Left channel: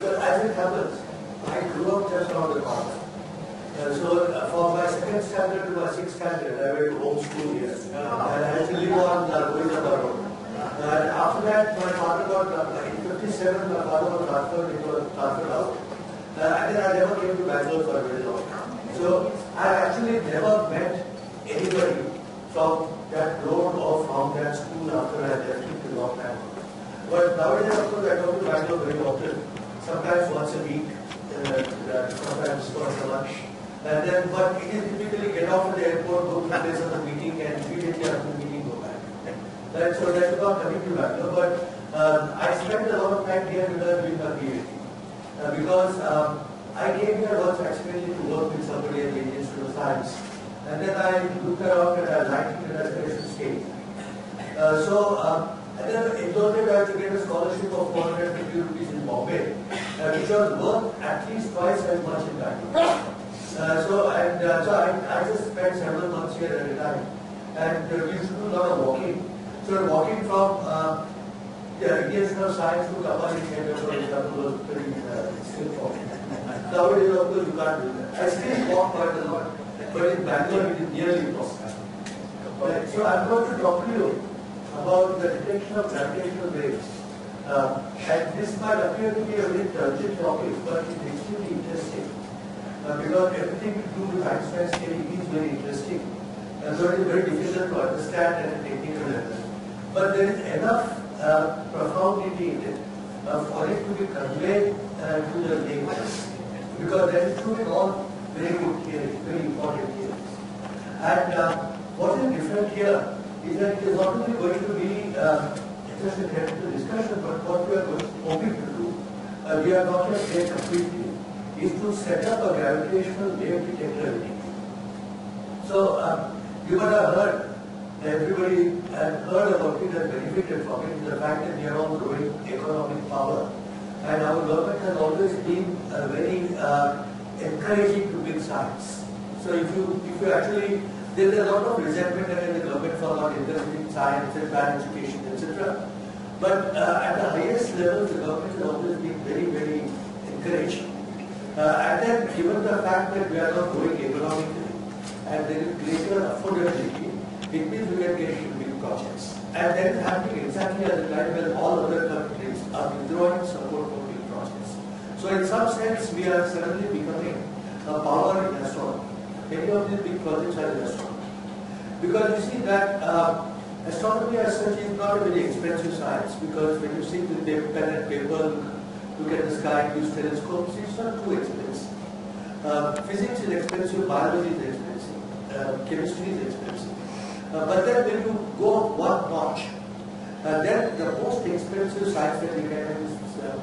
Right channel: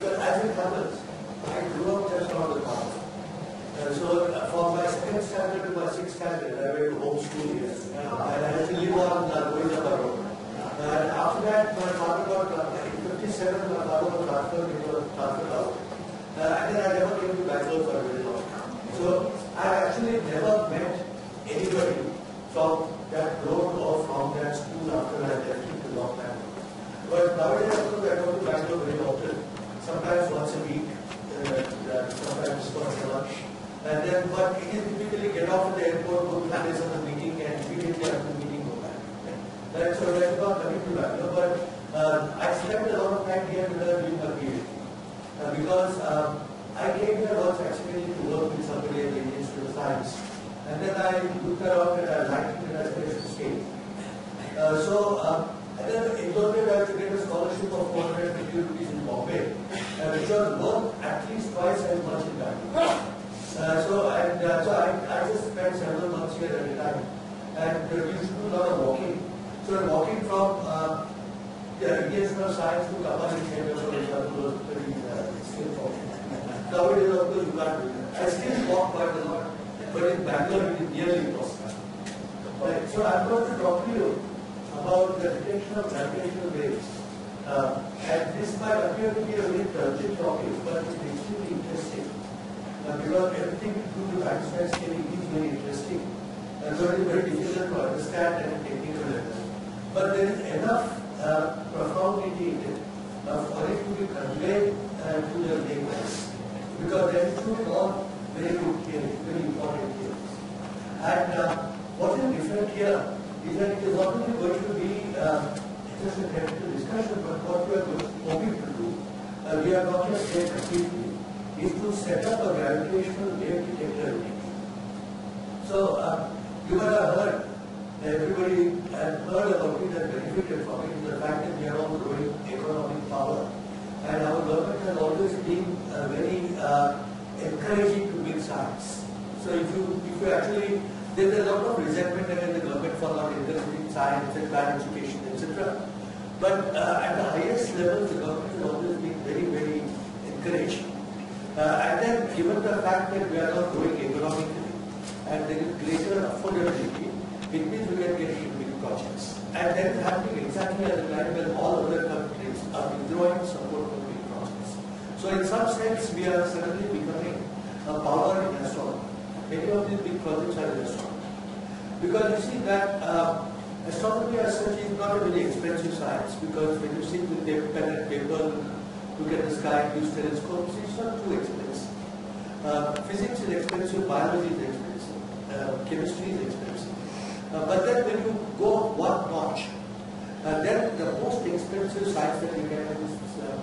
But as it happens, I grew up just around the corner. So from my second standard to my sixth standard, I went to home school here. And I had to live on Govinda Road. And after that, my father got, in 57, my father was transferred out. And then I never came to Bangalore for a very long time. So I actually never met anybody from that road or from that school after I left it a long time ago. But nowadays, of course, I go to Bangalore very often. Sometimes once a week, sometimes once a lunch. And then, but it is typically get off at the airport, go to the place of the meeting, and immediately after the meeting go back. Right? So that's about coming to Bangalore. But I spent a lot of time here doing my PhD. Because I came here once accidentally to work with somebody at the Indian Institute of Science. And then I looked around and I liked it and I said I should stay. And then in those days I had to get a scholarship of 450 rupees in Bombay, which was worth at least twice as much in Bangalore. So I just spent several months here at a time. And we used to do a lot of walking. So walking from the Indian Institute of Science to Kapali Center, for example, was pretty still walking. Nowadays, of course, you can't do that. I still walk quite a lot, but in Bangalore it is nearly impossible. So I'm going to talk to you about the detection of gravitational waves. And this might appear to be a very turgid topic, but it's extremely interesting. Because everything to do with Einstein's theory is very interesting. And so it is very difficult to understand at a technical level. But there is enough profundity in it for it to be conveyed to the layman. Because they are including all very good theories, very important theories. And what is different here is that it is not only going to be just a theoretical discussion, but what we are hoping to do, we are not yet there completely, is to set up a gravitational wave detector unit. So you might have heard, everybody has heard about it and benefited from it, the fact that we are all growing economic power. And our government has always been very encouraging to big science. So if you actually, there's a lot of resentment in the government for not encouraging science and bad education, etc. But at the highest level, the government has always been very, very encouraging. And then given the fact that we are not growing economically and there is greater affordability, it means we are getting big projects. And that is happening exactly at the time when all other countries are withdrawing support for big projects. So in some sense, we are suddenly becoming a power in astronomy. Many of these big projects are in astronomy. Because you see that astronomy as such is not a very expensive science, because when you sit with pen and paper, look at the sky, use telescopes, it's not too expensive. Physics is expensive, biology is expensive, chemistry is expensive. But then when you go one notch, then the most expensive science that you can have is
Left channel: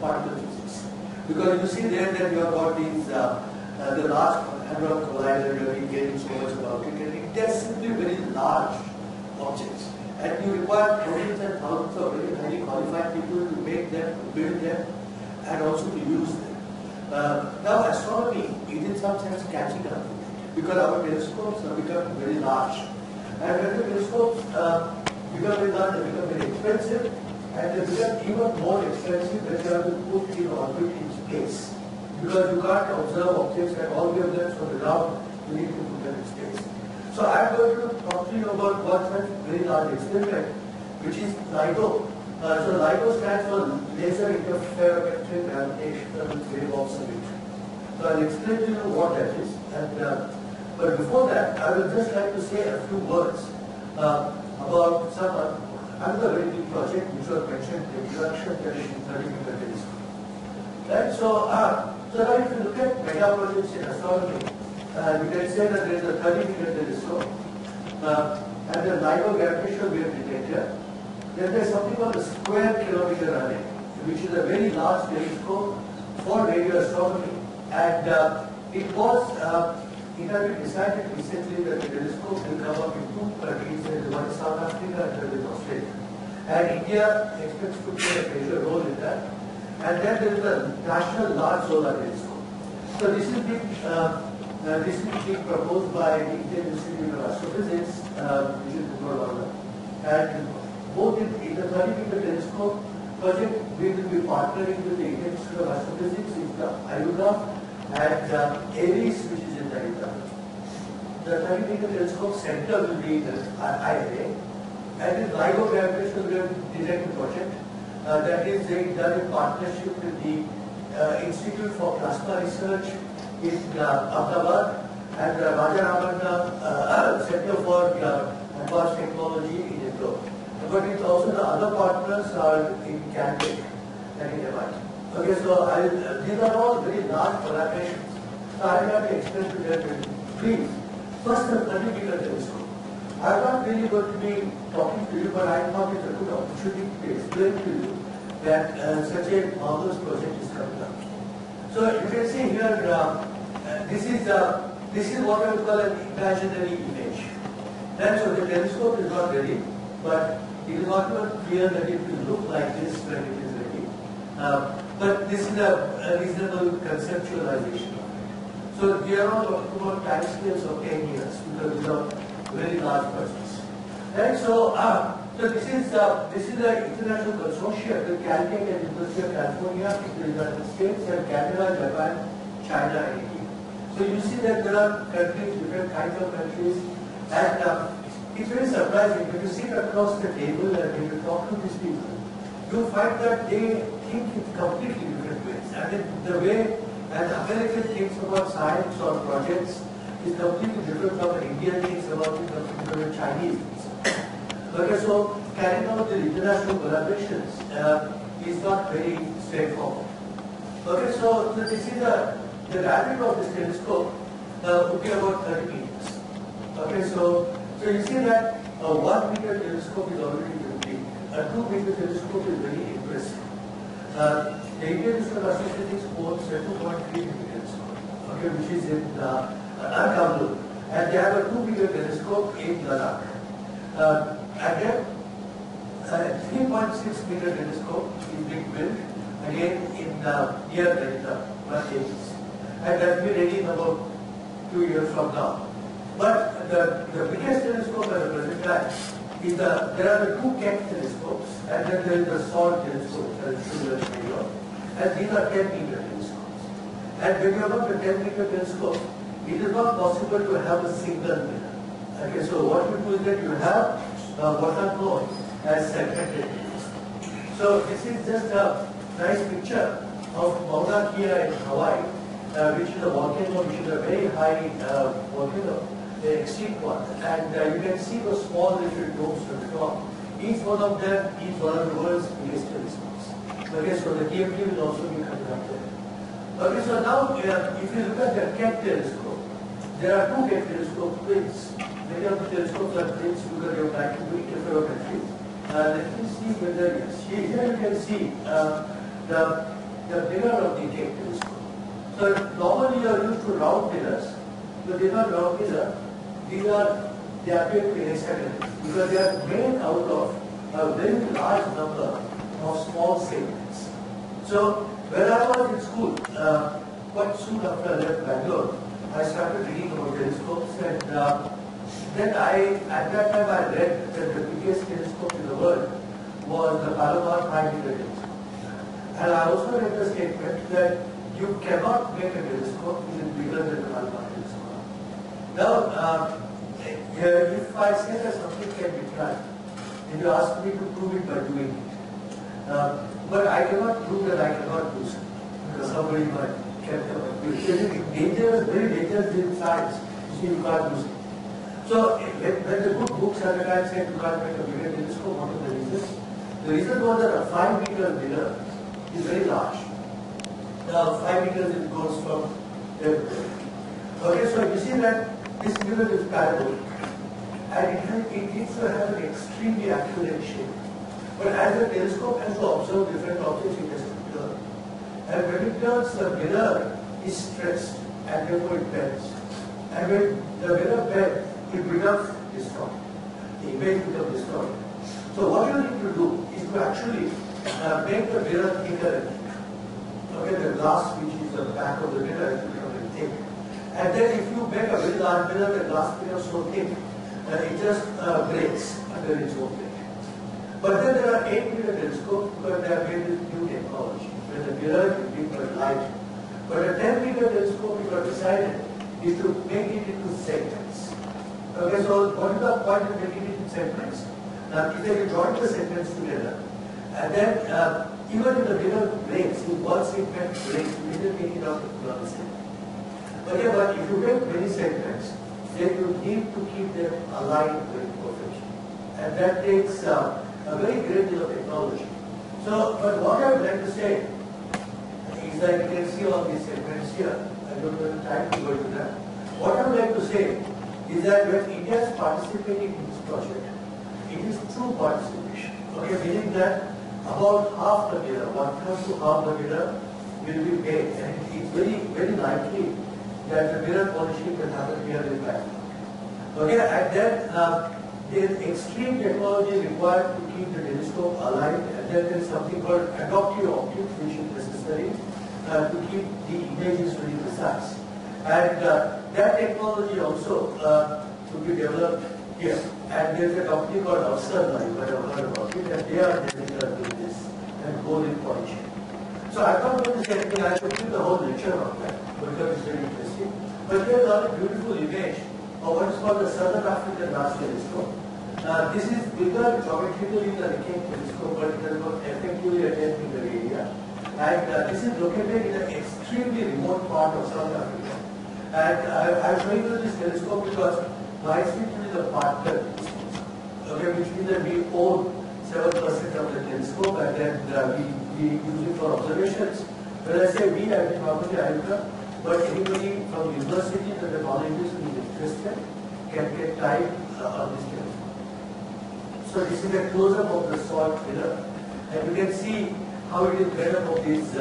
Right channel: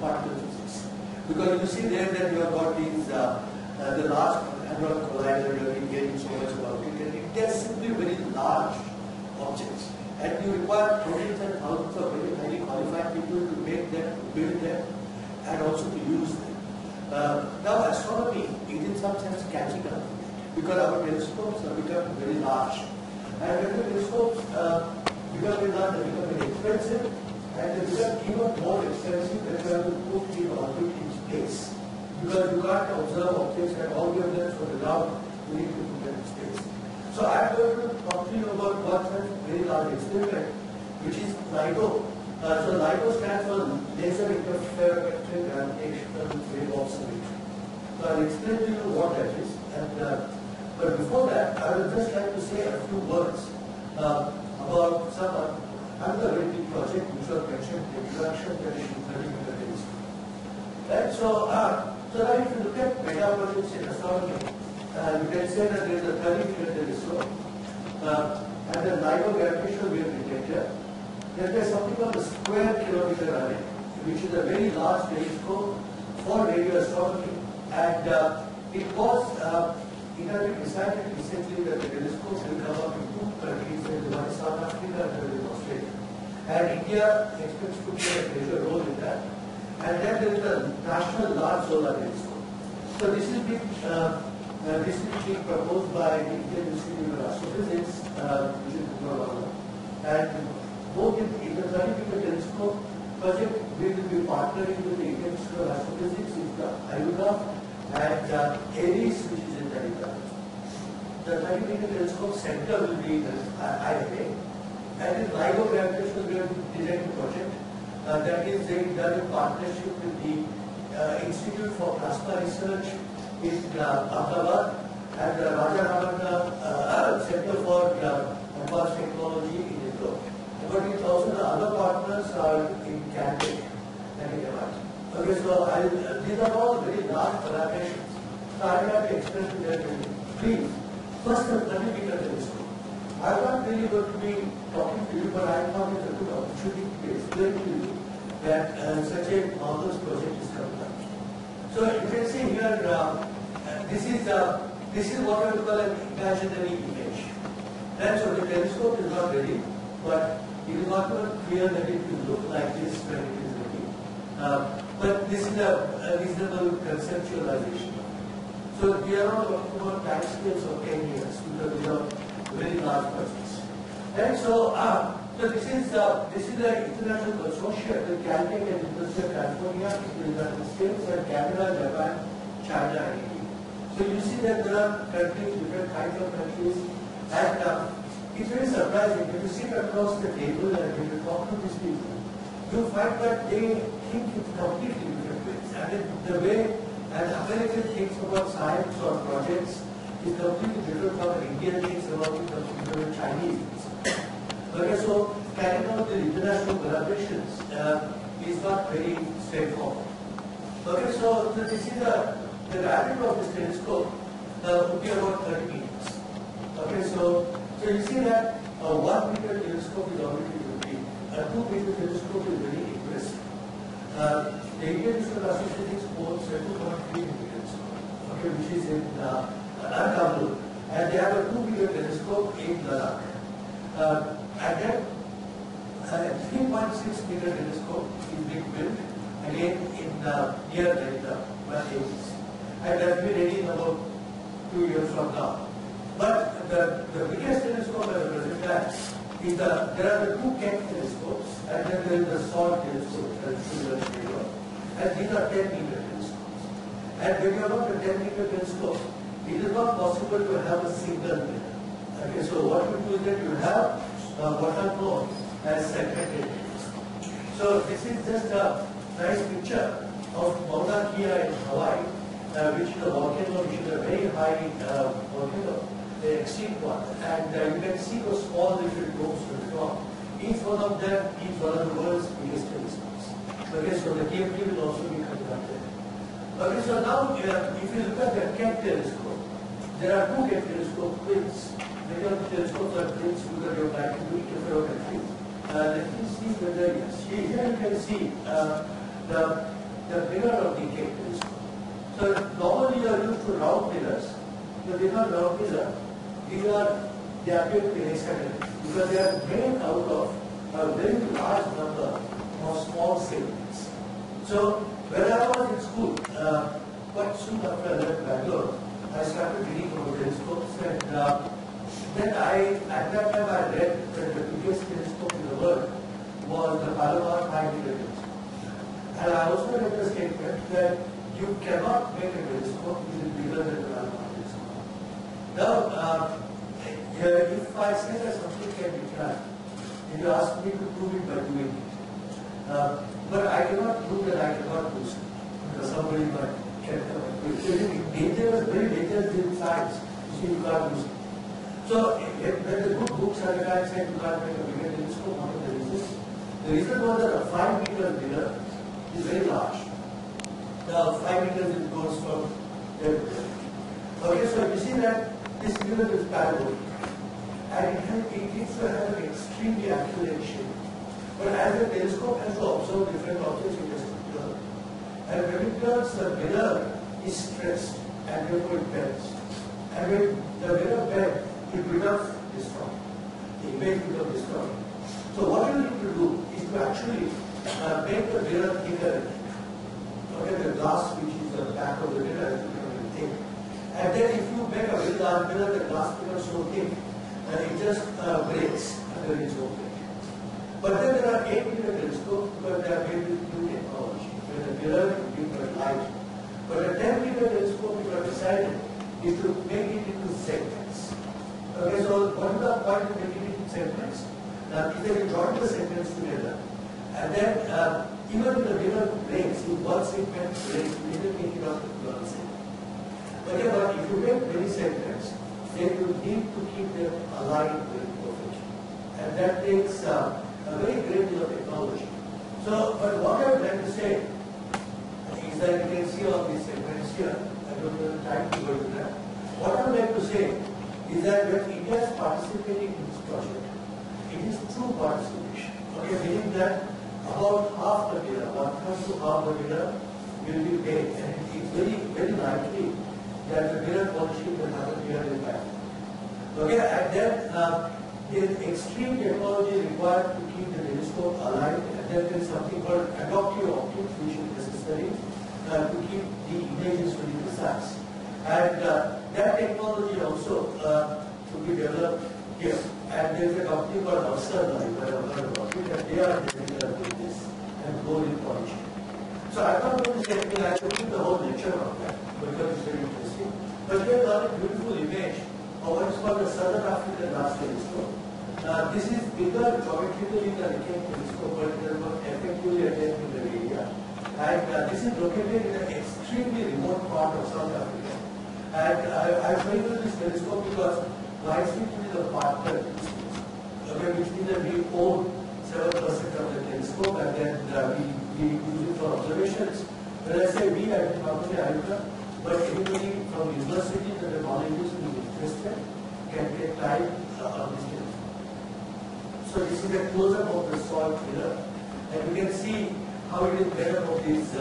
particle physics. Because you see there that you have got these, the large hadron collider, you have been getting so much about it, and it is simply very large objects. And you require thousands and thousands of very highly qualified people to make them, to build them, and also to use them. Now astronomy is in some sense catching up, because our telescopes have become very large. And when the telescopes become very large, they become very expensive, and they become even more expensive when you have to put in orbit in space. Because you can't observe objects at all wavelengths from the ground, you need to put them in space. So I am going to talk to you about one such very large experiment, which is LIGO. So LIGO stands for Laser Interferometric Gravitational Wave Observation. So I'll explain to you what that is. But before that, I would just like to say a few words about some another very big project which was mentioned, the introduction to the 30-meter telescope. Right? So now if you look at mega projects in astronomy, you can say that there is a 30-meter telescope and the LIGO gravitational wave detector. Then there is something called the square kilometer array, which is a very large telescope for radio astronomy. And it has been decided recently that the telescopes will come up in two countries, one is South Africa and the other is Australia. And India expects to play a major role in that. And then there is the National Large Solar Telescope. So this is being proposed by the Indian Institute of Astrophysics, which is Bangalore. And both in the 30-meter telescope project we will be partnering with the Indian Institute of Astrophysics, Ayuga, and Aries, which is in Delhi. The 30-meter telescope center will be the IIA, and in LIGO gravitational design project that is being done in partnership with the Institute for Plasma Research in Ahmedabad and the Rajaramana Center for Advanced Technology in Indore. But it's also the other partners are in Caltech and in MIT. Okay, so these are all very large collaborations. So I will have to express to them, please, first the 30-meter telescope. I'm not really going to be talking to you, but I thought it's a good opportunity to explain to you that such a marvelous project is coming up. So you can see here, this is what I would call an imaginary image. And so the telescope is not ready, but it is not clear that it will look like this when it is ready. But this is a reasonable conceptualization of it. So we are not talking about time scales of 10 years because these are very large projects. Right? So, this is the international consortium with Caltech and University of California in the United States and Canada, Japan, China, and India. So you see that there are countries, different kinds of countries, and it's very surprising when you sit across the table and when you talk to these people, you find that they think in completely different ways. And the way an American thinks about science or projects is completely different from an Indian thinks about it, completely different Chinese thinks. Okay, so carrying out the international collaborations is not very straightforward. Okay, so this is the diameter of this telescope would be about 30 meters. Okay, so you see that a 1 meter telescope is already very big. A 2 meter telescope is very impressive. The Indian Institute of Astrophysics owns a 2.3 meter telescope, okay, which is in Bangalore, and they have a 2 meter telescope in Ladakh. And then a 3.6 meter telescope is being built again in near Delta, Malaysia, and that will be ready in about 2 years from now. But the biggest telescope at the present time is there are the two Keck telescopes, and then there is the SALT telescope, and these are 10 meter telescopes. And when you have got the 10 meter telescope, it is not possible to have a single mirror. Okay, so what you do is that you have what are known as segmented mirrors. So this is just a nice picture of Mauna Kea in Hawaii, which is a volcano, which is a very high volcano, the extreme one, and you can see those small little domes to the top. Each one of them is one of the world's biggest telescopes. Okay, so the KMT will also be conducted. Okay, so now if you look at the Keck telescope, there are two Keck telescope twins. Many of the telescopes are twins because they are trying to do interferometry. Let me see whether yes. Here you can see the mirror of the Keck telescope. So normally you are used to round mirrors, but they are not round mirror. They appear to be hexagonal because they are made out of a very large number of small segments. So when I was in school, quite soon after I left Bangalore, I started reading about telescopes, and then at that time I read that the biggest telescope in the world was the Palomar 5-meter telescope. And I also read the statement that you cannot make a telescope which is bigger than the Palomar telescope. Now, if I say that something can be done, then you ask me to prove it by doing it. But I cannot prove that I cannot do so, because somebody might can come and do it. It's dangerous, very dangerous in science. You see, you can't do it. So when the good books at the time said you can't make a bigger telescope, what are the reasons? The reason was that a 5-meter mirror is very large. Now 5 meters it goes from there to there. Okay, so you see that this mirror is parabolic, and it needs to have an extremely accurate shape. But as the telescope has to observe different objects, it has to turn. And when it turns, the mirror is stressed, and therefore it bends. And when the mirror bends, it becomes distorted. The image becomes distorted. So what you need to do is to actually make the mirror thicker and thicker. Okay, the glass which is the back of the mirror has become very thick. And then if you make a very large mirror, the glass becomes so thick that it just breaks under its own weight. But then there are 8-meter telescopes because they are made with new technology, where the mirror is being light. But a 10-meter telescope, we have decided, is to make it into segments. Okay, so what is the point of making it into segments? Now, if you join the segments together, and then even if the mirror breaks, if one segment breaks, you need to take it out of the other segment. Okay, but if you make many segments, then you need to keep them aligned very perfectly. And that takes a very great deal of technology. So, but what I would like to say is that you can see all these segments here. I don't have the time to go into that. What I would like to say is that when India is participating in this project, it is true participation. Okay, meaning that about half the mirror, 1/3 to half the mirror will be made, and it's very, very likely that the mirror polishing will happen here in Bangalore. Okay, and then there is extreme technology required to keep the telescope aligned, and then there is something called adaptive optics, which is necessary to keep the images very precise. And that technology also to be developed here. And there is a company called Upsal, I have heard about it, and they are doing this and gold in polishing. So I'm not going to say anything, I have to keep the whole lecture on that because it's very interesting. But here is a beautiful image of what is called the Southern African Large Telescope. This is bigger geometrically than the Cape Telescope, but it does not effectively attend in the area. And this is located in an extremely remote part of South Africa. And I'm showing you this telescope because my institute is a partner in this telescope. Okay, which means that we own 7% of the telescope, and then we use it for observations. When I say we, I mean not only IUCA, but anybody from university and the colleges who is interested can take time on this telescope. So this is a close-up of the salt mirror, and you can see how it is made up of these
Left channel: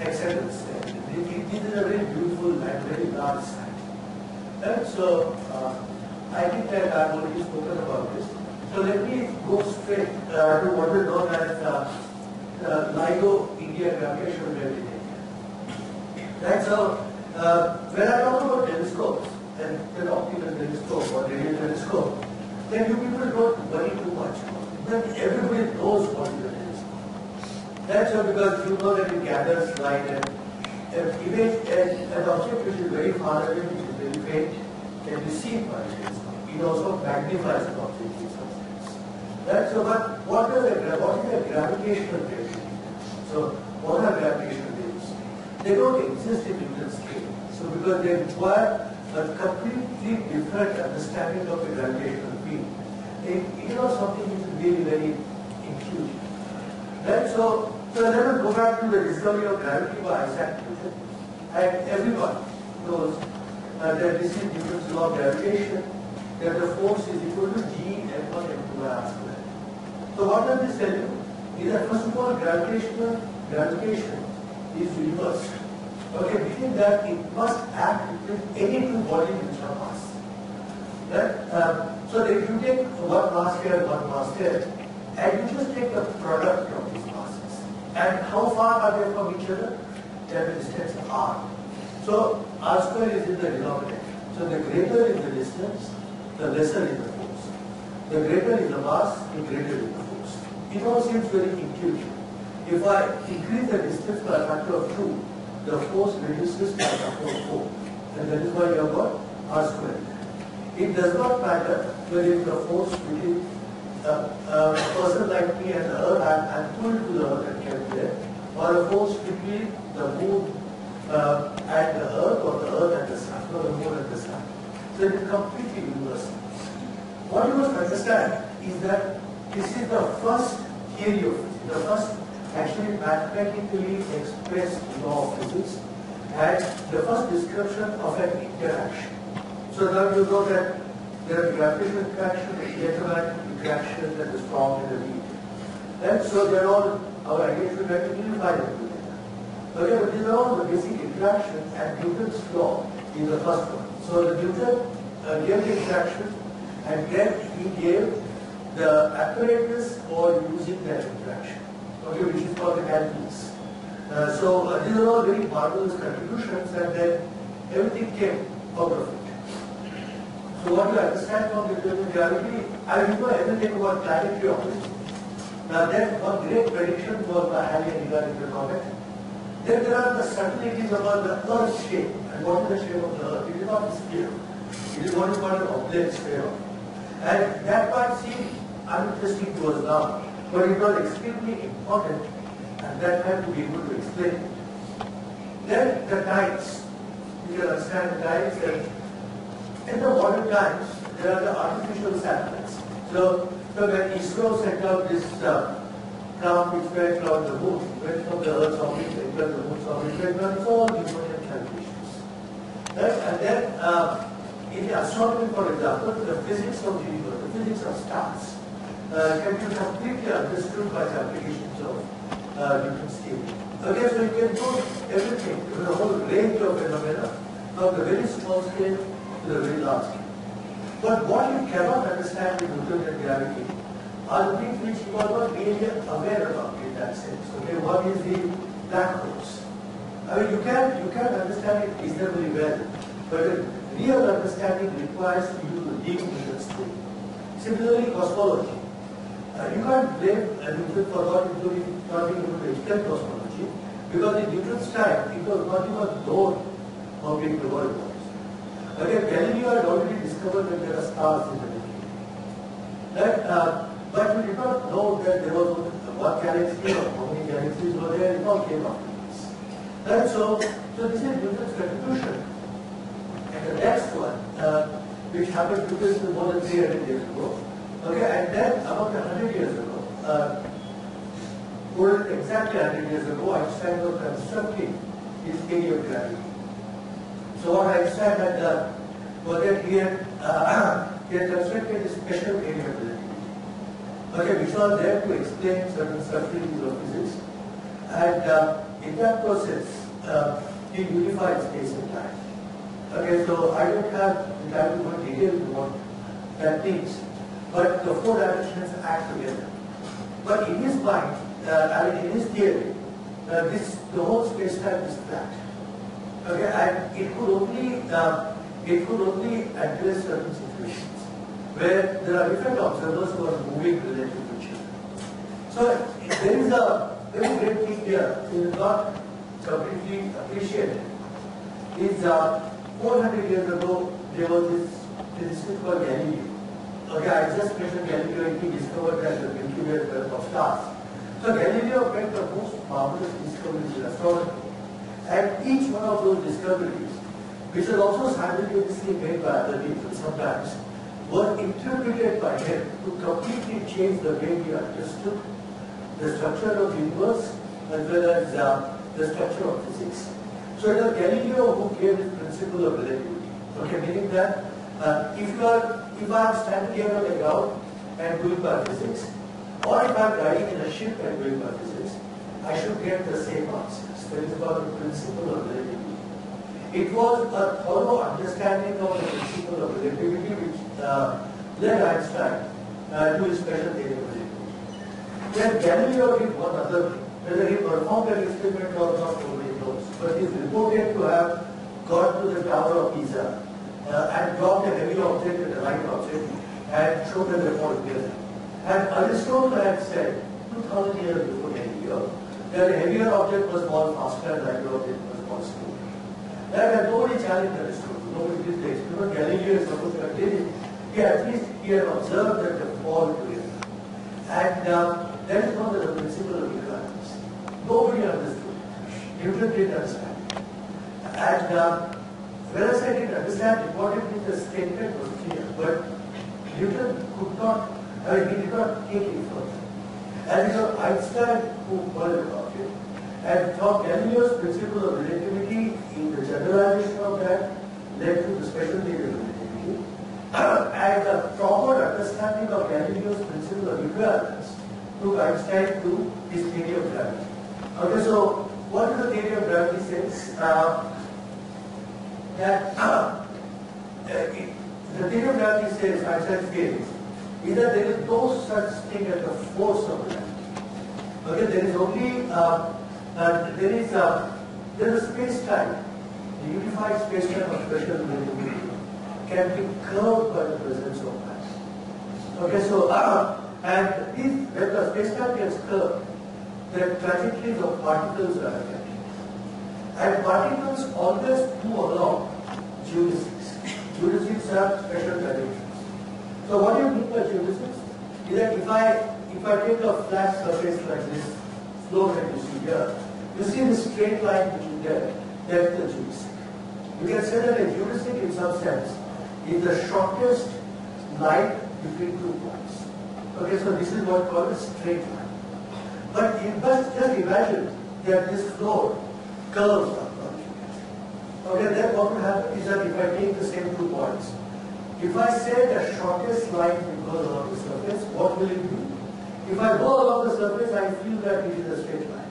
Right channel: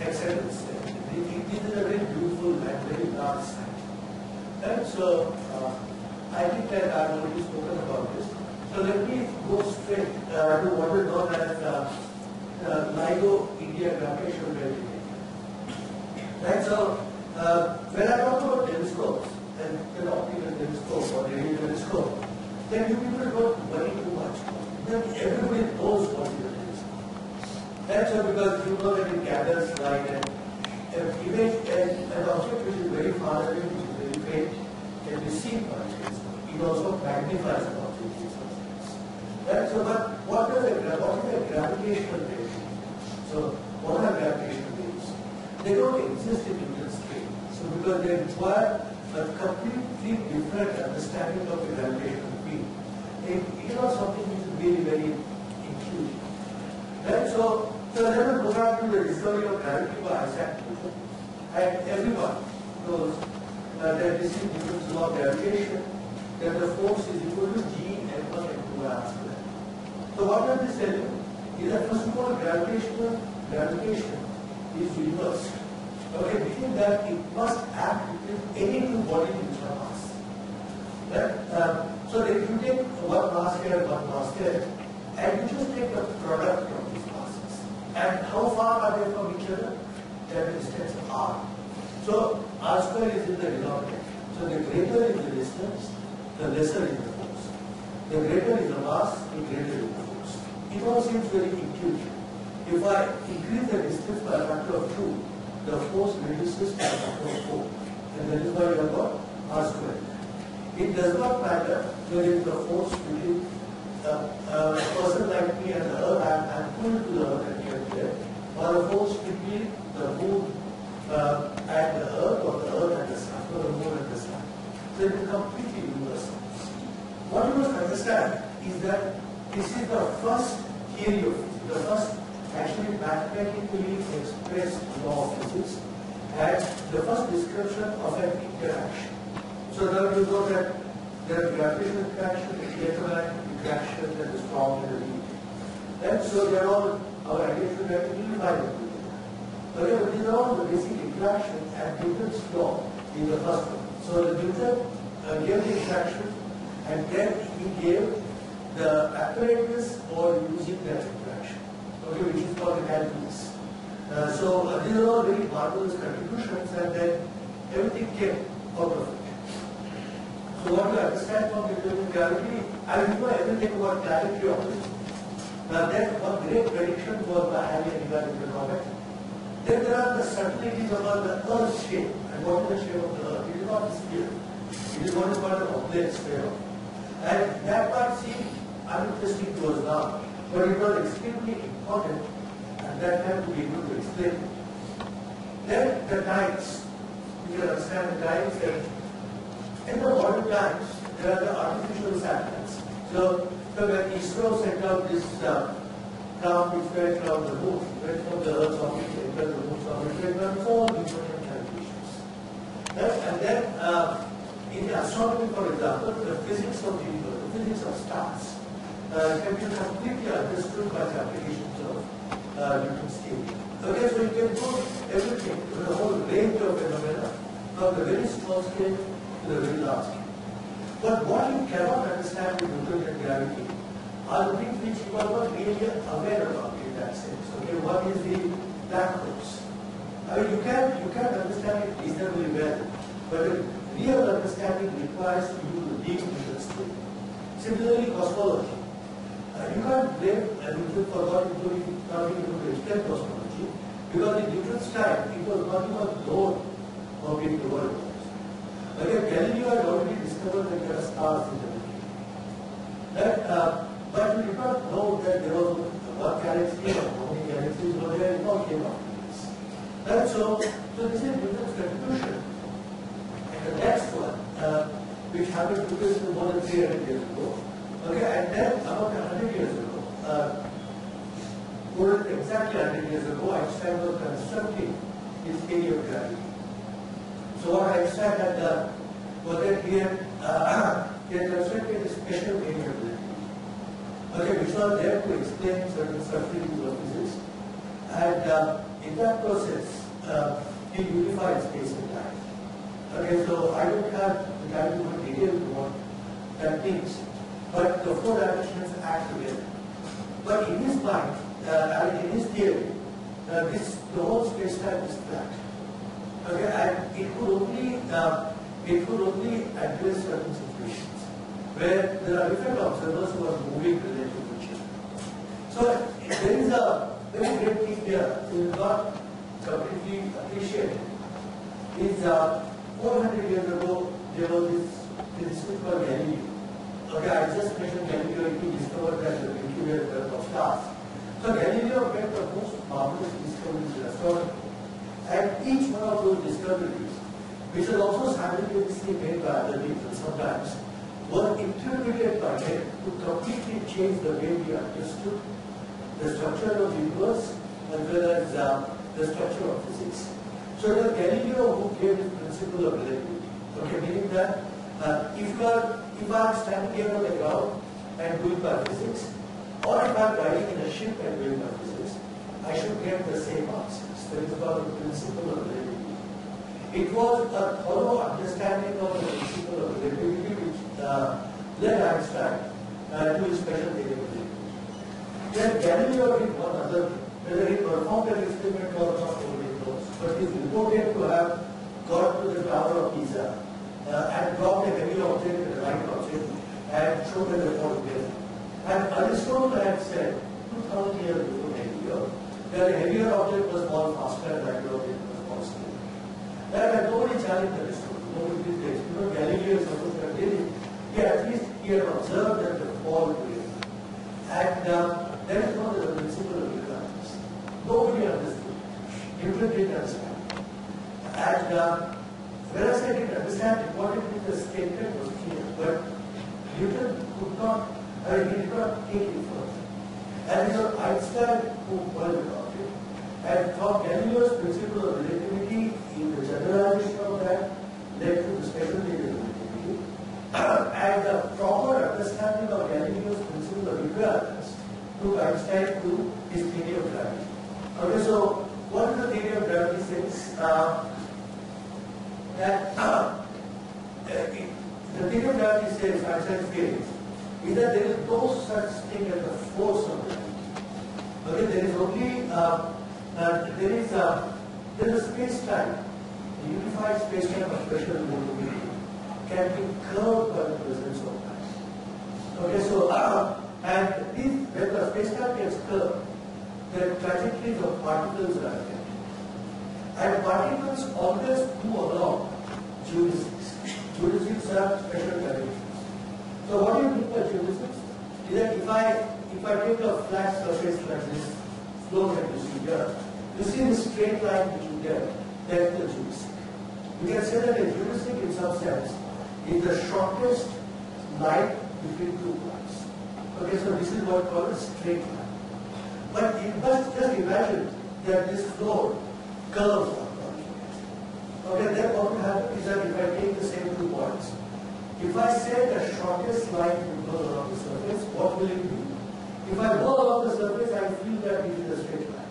hexagons. This is a very beautiful and very large site. And so I think that I've already spoken about this. So let me go straight to what is known as LIGO India gravitational gravity. Right, so when I talk about telescopes, and the optical telescope or radio telescope, then you people don't worry too much. Then everybody knows what is a telescope. That's so because you know that it gathers light, and an image, an object which is very far away, which is very faint, can be seen by the telescope. It also magnifies the object in some sense. Right? So, but what is a gravitational wave? So, what are gravitational waves? They don't exist in Newton's scale. So, because they require a completely different understanding of the gravitational field. It is not something which is really very intuitive. Right? So let us go back to the discovery of gravity by Isaac Newton. And everyone knows that this is Newton's law of gravitation, that the force is equal to G F1 F2 by R square. So what does this tell you? Is that first of all, gravitation is universal. Okay, meaning that it must act with any two bodies which are mass. Right? So if you take one mass here and one mass there, and you just take the product of these masses, and how far are they from each other? They are the distance r. So r square is in the denominator. So the greater is the distance, the lesser is the force. The greater is the mass, the greater is the force. It all seems very intuitive. If I increase the distance by a factor of 2, the force reduces by a factor of 4. And that is why you have got r square. It does not matter whether it is the force between a person like me and the earth, and pulled to the earth and kept there, or a force between the moon and the earth, or the earth and the sun, or the moon and the sun. So it is completely universal. What you must understand is that this is the first theory of physics, the first actually mathematically expressed law of physics, and the first description of an interaction. So now you know that there are gravitational interaction, the electromagnetic interaction, and the strong and the weak. And so they are all our ideas to unify them together. Okay, but these are all the basic interactions, and Newton's law is the first one. So the Newton gave the interaction, and then he gave the apparatus for using that interaction, okay, which is called the calculus. So these are all very marvelous contributions, and then everything came out of it. So what you understand from Newtonian gravity, I don't know everything about planetary orbits. Then one great prediction was by Halley and Evan comet. Then there are the subtleties about the Earth's shape. And what is the shape of the Earth? It is not a sphere. It is what is called an oblate sphere. And that might seem uninteresting to us now, but it was extremely important at that time to be able to explain it. Then the tides. You can understand the tides. In the modern times, there are the artificial satellites. So when ISRO sent out this craft which went around the moon, went from the Earth's orbit, entered the moon's orbit, went on all Newtonian calculations. Right? And then in the astronomy, for example, the physics of the universe, the physics of stars, can be completely understood by the applications of Newton's theory. Okay, so you can do everything, the whole range of phenomena, from the very small scale to the very large scale. But what you cannot understand with Newtonian gravity are the things which you are not really aware about in that sense. Okay, one is the black holes. I mean, you can understand it reasonably well, but a real understanding requires you to dig into the story. Similarly, cosmology. You can't blame Newton for not being able to explain cosmology, because in Newton's time, it was not even known how big the world was. Again, Galileo had already discovered that there are stars in the Milky Way. Right? But we did not know that there was one galaxy or how many galaxies were there. It all came after this. Right? So this is Newton's contribution. And the next one, which happened more than 300 years ago. Okay, and then about 100 years ago, exactly 100 years ago, Einstein was constructing his theory of gravity. So what Einstein had done was that he had constructed a special theory of relativity, okay, which was there to explain certain subtleties of physics. And in that process, he unified space and time. Okay, so I don't have the time to go in detail into what that means, but the four dimensions act together. But in his mind, in his theory, the whole space-time is flat. Okay, and it could only address certain situations where there are different observers who are moving relative to each other. So there is a very great thing here which is not completely appreciated. Is 400 years ago there was this physicist called Galileo. Okay, I just mentioned Galileo. He discovered that the Milky Way is made of stars. So Galileo made the most marvelous discoveries in astronomy. And each one of those discoveries, which was also simultaneously made by other people sometimes, were interpreted by him to completely change the way we understood the structure of the universe as well as the structure of physics. So it was Galileo who gave this principle of relativity. Okay, meaning that if I am standing here on the ground and doing my physics, or if I am riding in a ship and doing my physics, I should get the same answers. That is about the principle of relativity. It was a thorough understanding of the principle of relativity which led Einstein to his special theory of relativity. Then Galileo did one other thing. Whether he performed an experiment or not, nobody knows. But he is reported to have gone to the Tower of Pisa and dropped a heavy object and a light object and showed the report together. And Aristotle had said 2000 years before Galileo that a heavier object was fall faster and lighter object was fall slower. That nobody challenged Aristotle. Nobody did the experiment. Galileo is supposed to have did it. At least he had observed that the fall together. And that is known as the principle of equivalence. Nobody understood it. Newton didn't understand it. And whereas I didn't understand it, what it means the statement was clear. But Newton could not, he did not take it further. And it was Einstein who worried about it. And from Galileo's principle of relativity, in the generalization of that, led to the special theory of relativity. And the proper understanding of Galileo's principle of equivalence took Einstein to his theory of gravity. Okay, so what is the theory of gravity says? The theory of gravity says, Einstein's theory, is that there is no such thing as the force of gravity. Okay, there is only there is a space-time, the unified space-time of special relativity can be curved by the presence of mass. Okay, so and this when the space-time gets curved, the trajectories of particles are affected. And particles always move along geodesics. Geodesics are special trajectories. So what do you mean by geodesics? Is that if I take a flat surface like this floor that you see here, you see this straight line which you get, that's the geodesic. You can say that a geodesic in some sense is the shortest line between two points. Okay, so this is what called a straight line. But you must just imagine that this floor curves upward. Okay, then what will happen is that if I take the same 2 points, if I say the shortest line will go along the surface, what will it be? If I go along the surface, I feel that it is a straight line.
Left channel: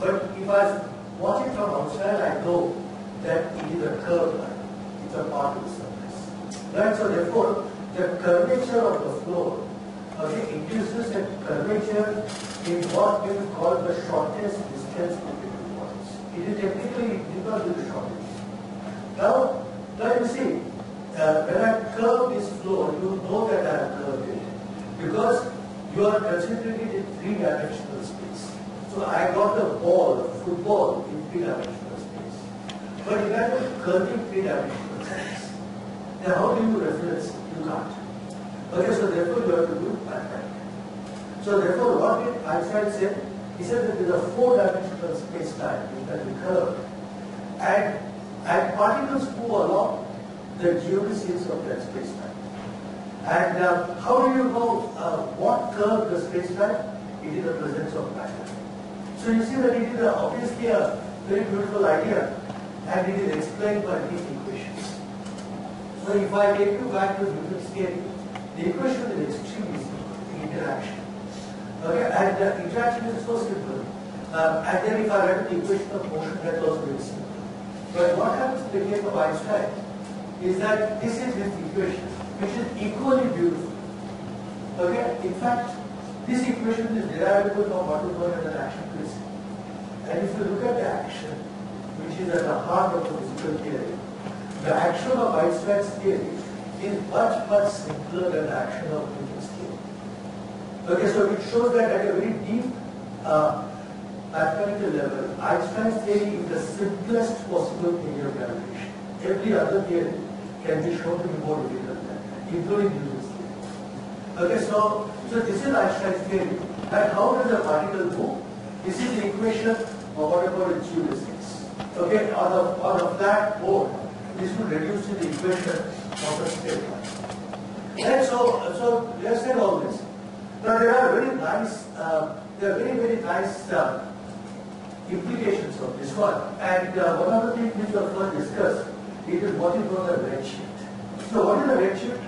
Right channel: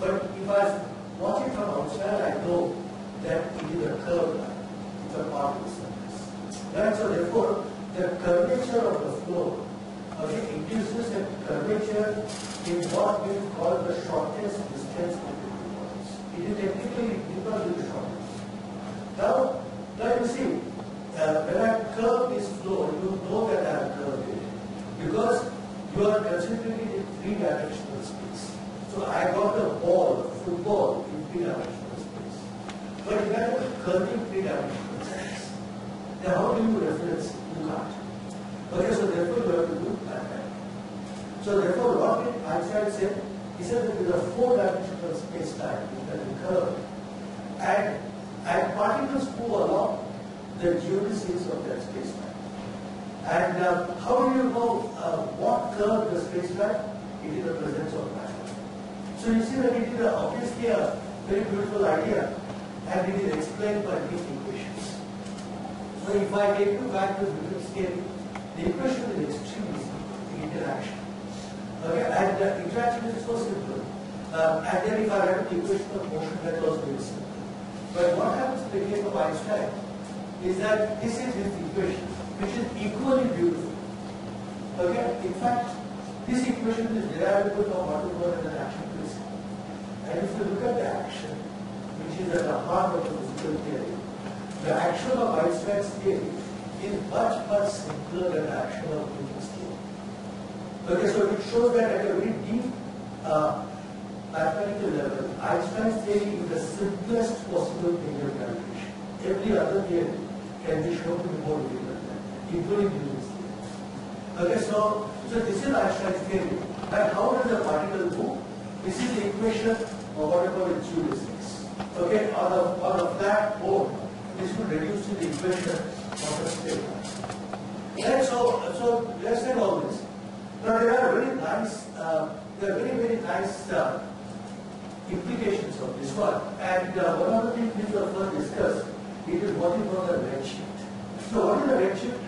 But if I watch it from outside, I know that it is a curved line. It's a part of the surface. Right? So therefore, the curvature of the floor, okay, induces a curvature in what we call the shortest distance between two points. It is technically equal to the shortest. Now you see, when I curve this floor, you know that I have curved it because you are considering it in three-dimensional space. So I got a ball, a football in three-dimensional space. But imagine curving three-dimensional space. Now how do you reference it? You can't. Okay, so therefore you have to do mathematics. So therefore what did Einstein say? He said that there is a four-dimensional space-time which can be curved. And particles move along the geodesics of that space-time. And how do you know what curve the space-time? It is the presence of matter. So you see that it is obviously a very beautiful idea, and it is explained by these equations. So if I take you back to the Newton scale, the equation is extremely simple, the interaction. Okay, and the interaction is so simple. And then if I write the equation of motion, that's also very simple. But what happens in the case of Einstein is that this is his equation, which is equally beautiful. Okay, in fact, this equation is derivable from what we call as an action principle. And if you look at the action, which is at the heart of the physical theory, the action of Einstein's theory is much, much simpler than the action of Newton's theory. Okay, so it shows that at a very deep mathematical level, Einstein's theory is the simplest possible theory of gravitation. Every other theory can be shown to be more difficult than that, including Newton's theory. Okay, so this is Einstein's theory. And how does a particle move? This is the equation of what I call geodesics. Okay, on a flat board, this will reduce to the equation of a straight line. And so let's say all this. Now there are very nice, very nice implications of this one. And one of the things we will first discuss is what is called a redshift. So what is a redshift?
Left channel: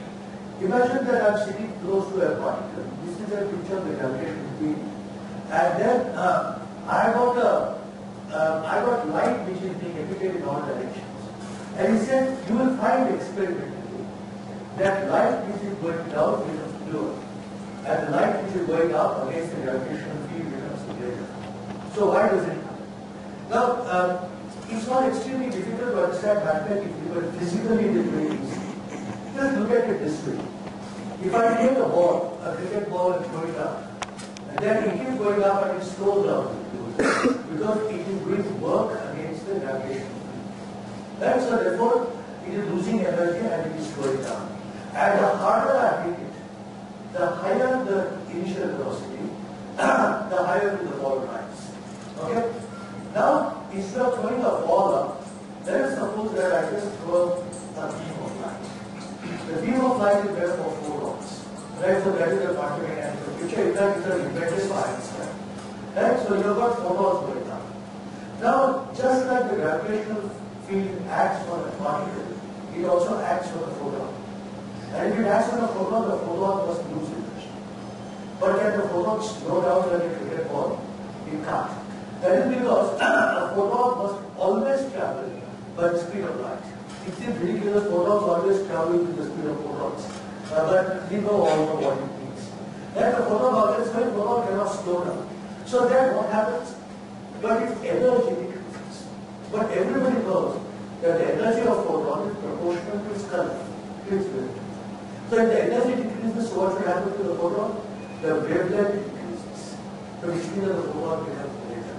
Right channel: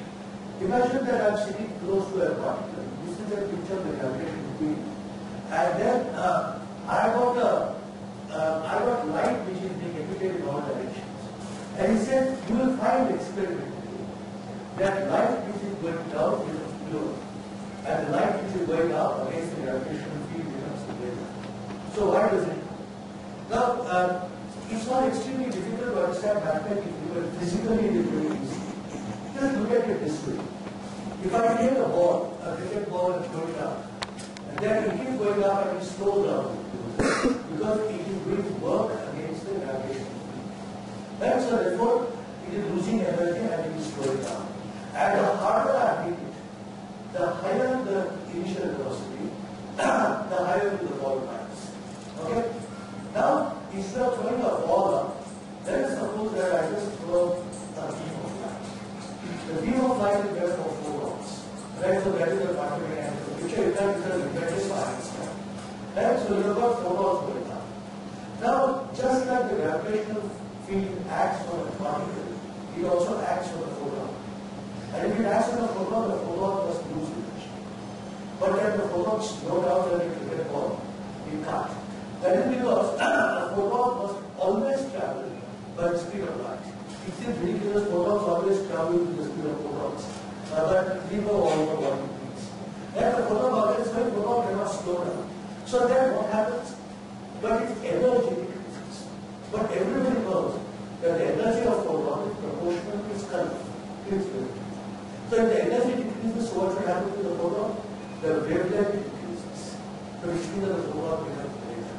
Imagine that I'm sitting close to a particle. This is a picture of the gravitational field. And then I got light which is being emitted in all directions. And he said, you will find experimentally that light which is going down is lower. And the light which is going up against the gravitational field becomes greater. So why does it happen? Now, it's not extremely difficult to understand mathematically, but physically it is very easy. Just look at it this way. If I take a ball, a cricket ball, and throw it up, and then it is going up and it slows down because it is doing work against the gravitational field. And so therefore, it is losing energy and it is slowing down. And the harder I hit it, the higher the initial velocity, the higher will the ball rise. Okay? Now, instead of throwing a ball up, let us suppose that I just throw a beam of light. The beam of light is made of photons. Right? So that is the quantum mechanical picture. In fact, it is invented by Einstein. Right? So you have got photons going up. Now, just like the gravitational field acts on a particle, it also acts on a photon. And if it acts on a photon, the photon must lose energy. But can the photon slow down when it cricket ball? It can't. That is because a photon must always travel by the speed of light. It seems ridiculous, photons always travel with the speed of photons. But we know all the what it means. That the photon always going, photon cannot slow down. So then what happens? But its energy decreases. But everybody knows that the energy of photon is proportional to its current. So if the energy decreases, so what will happen to the photon? The wavelength decreases. so which means that the robot becomes greater.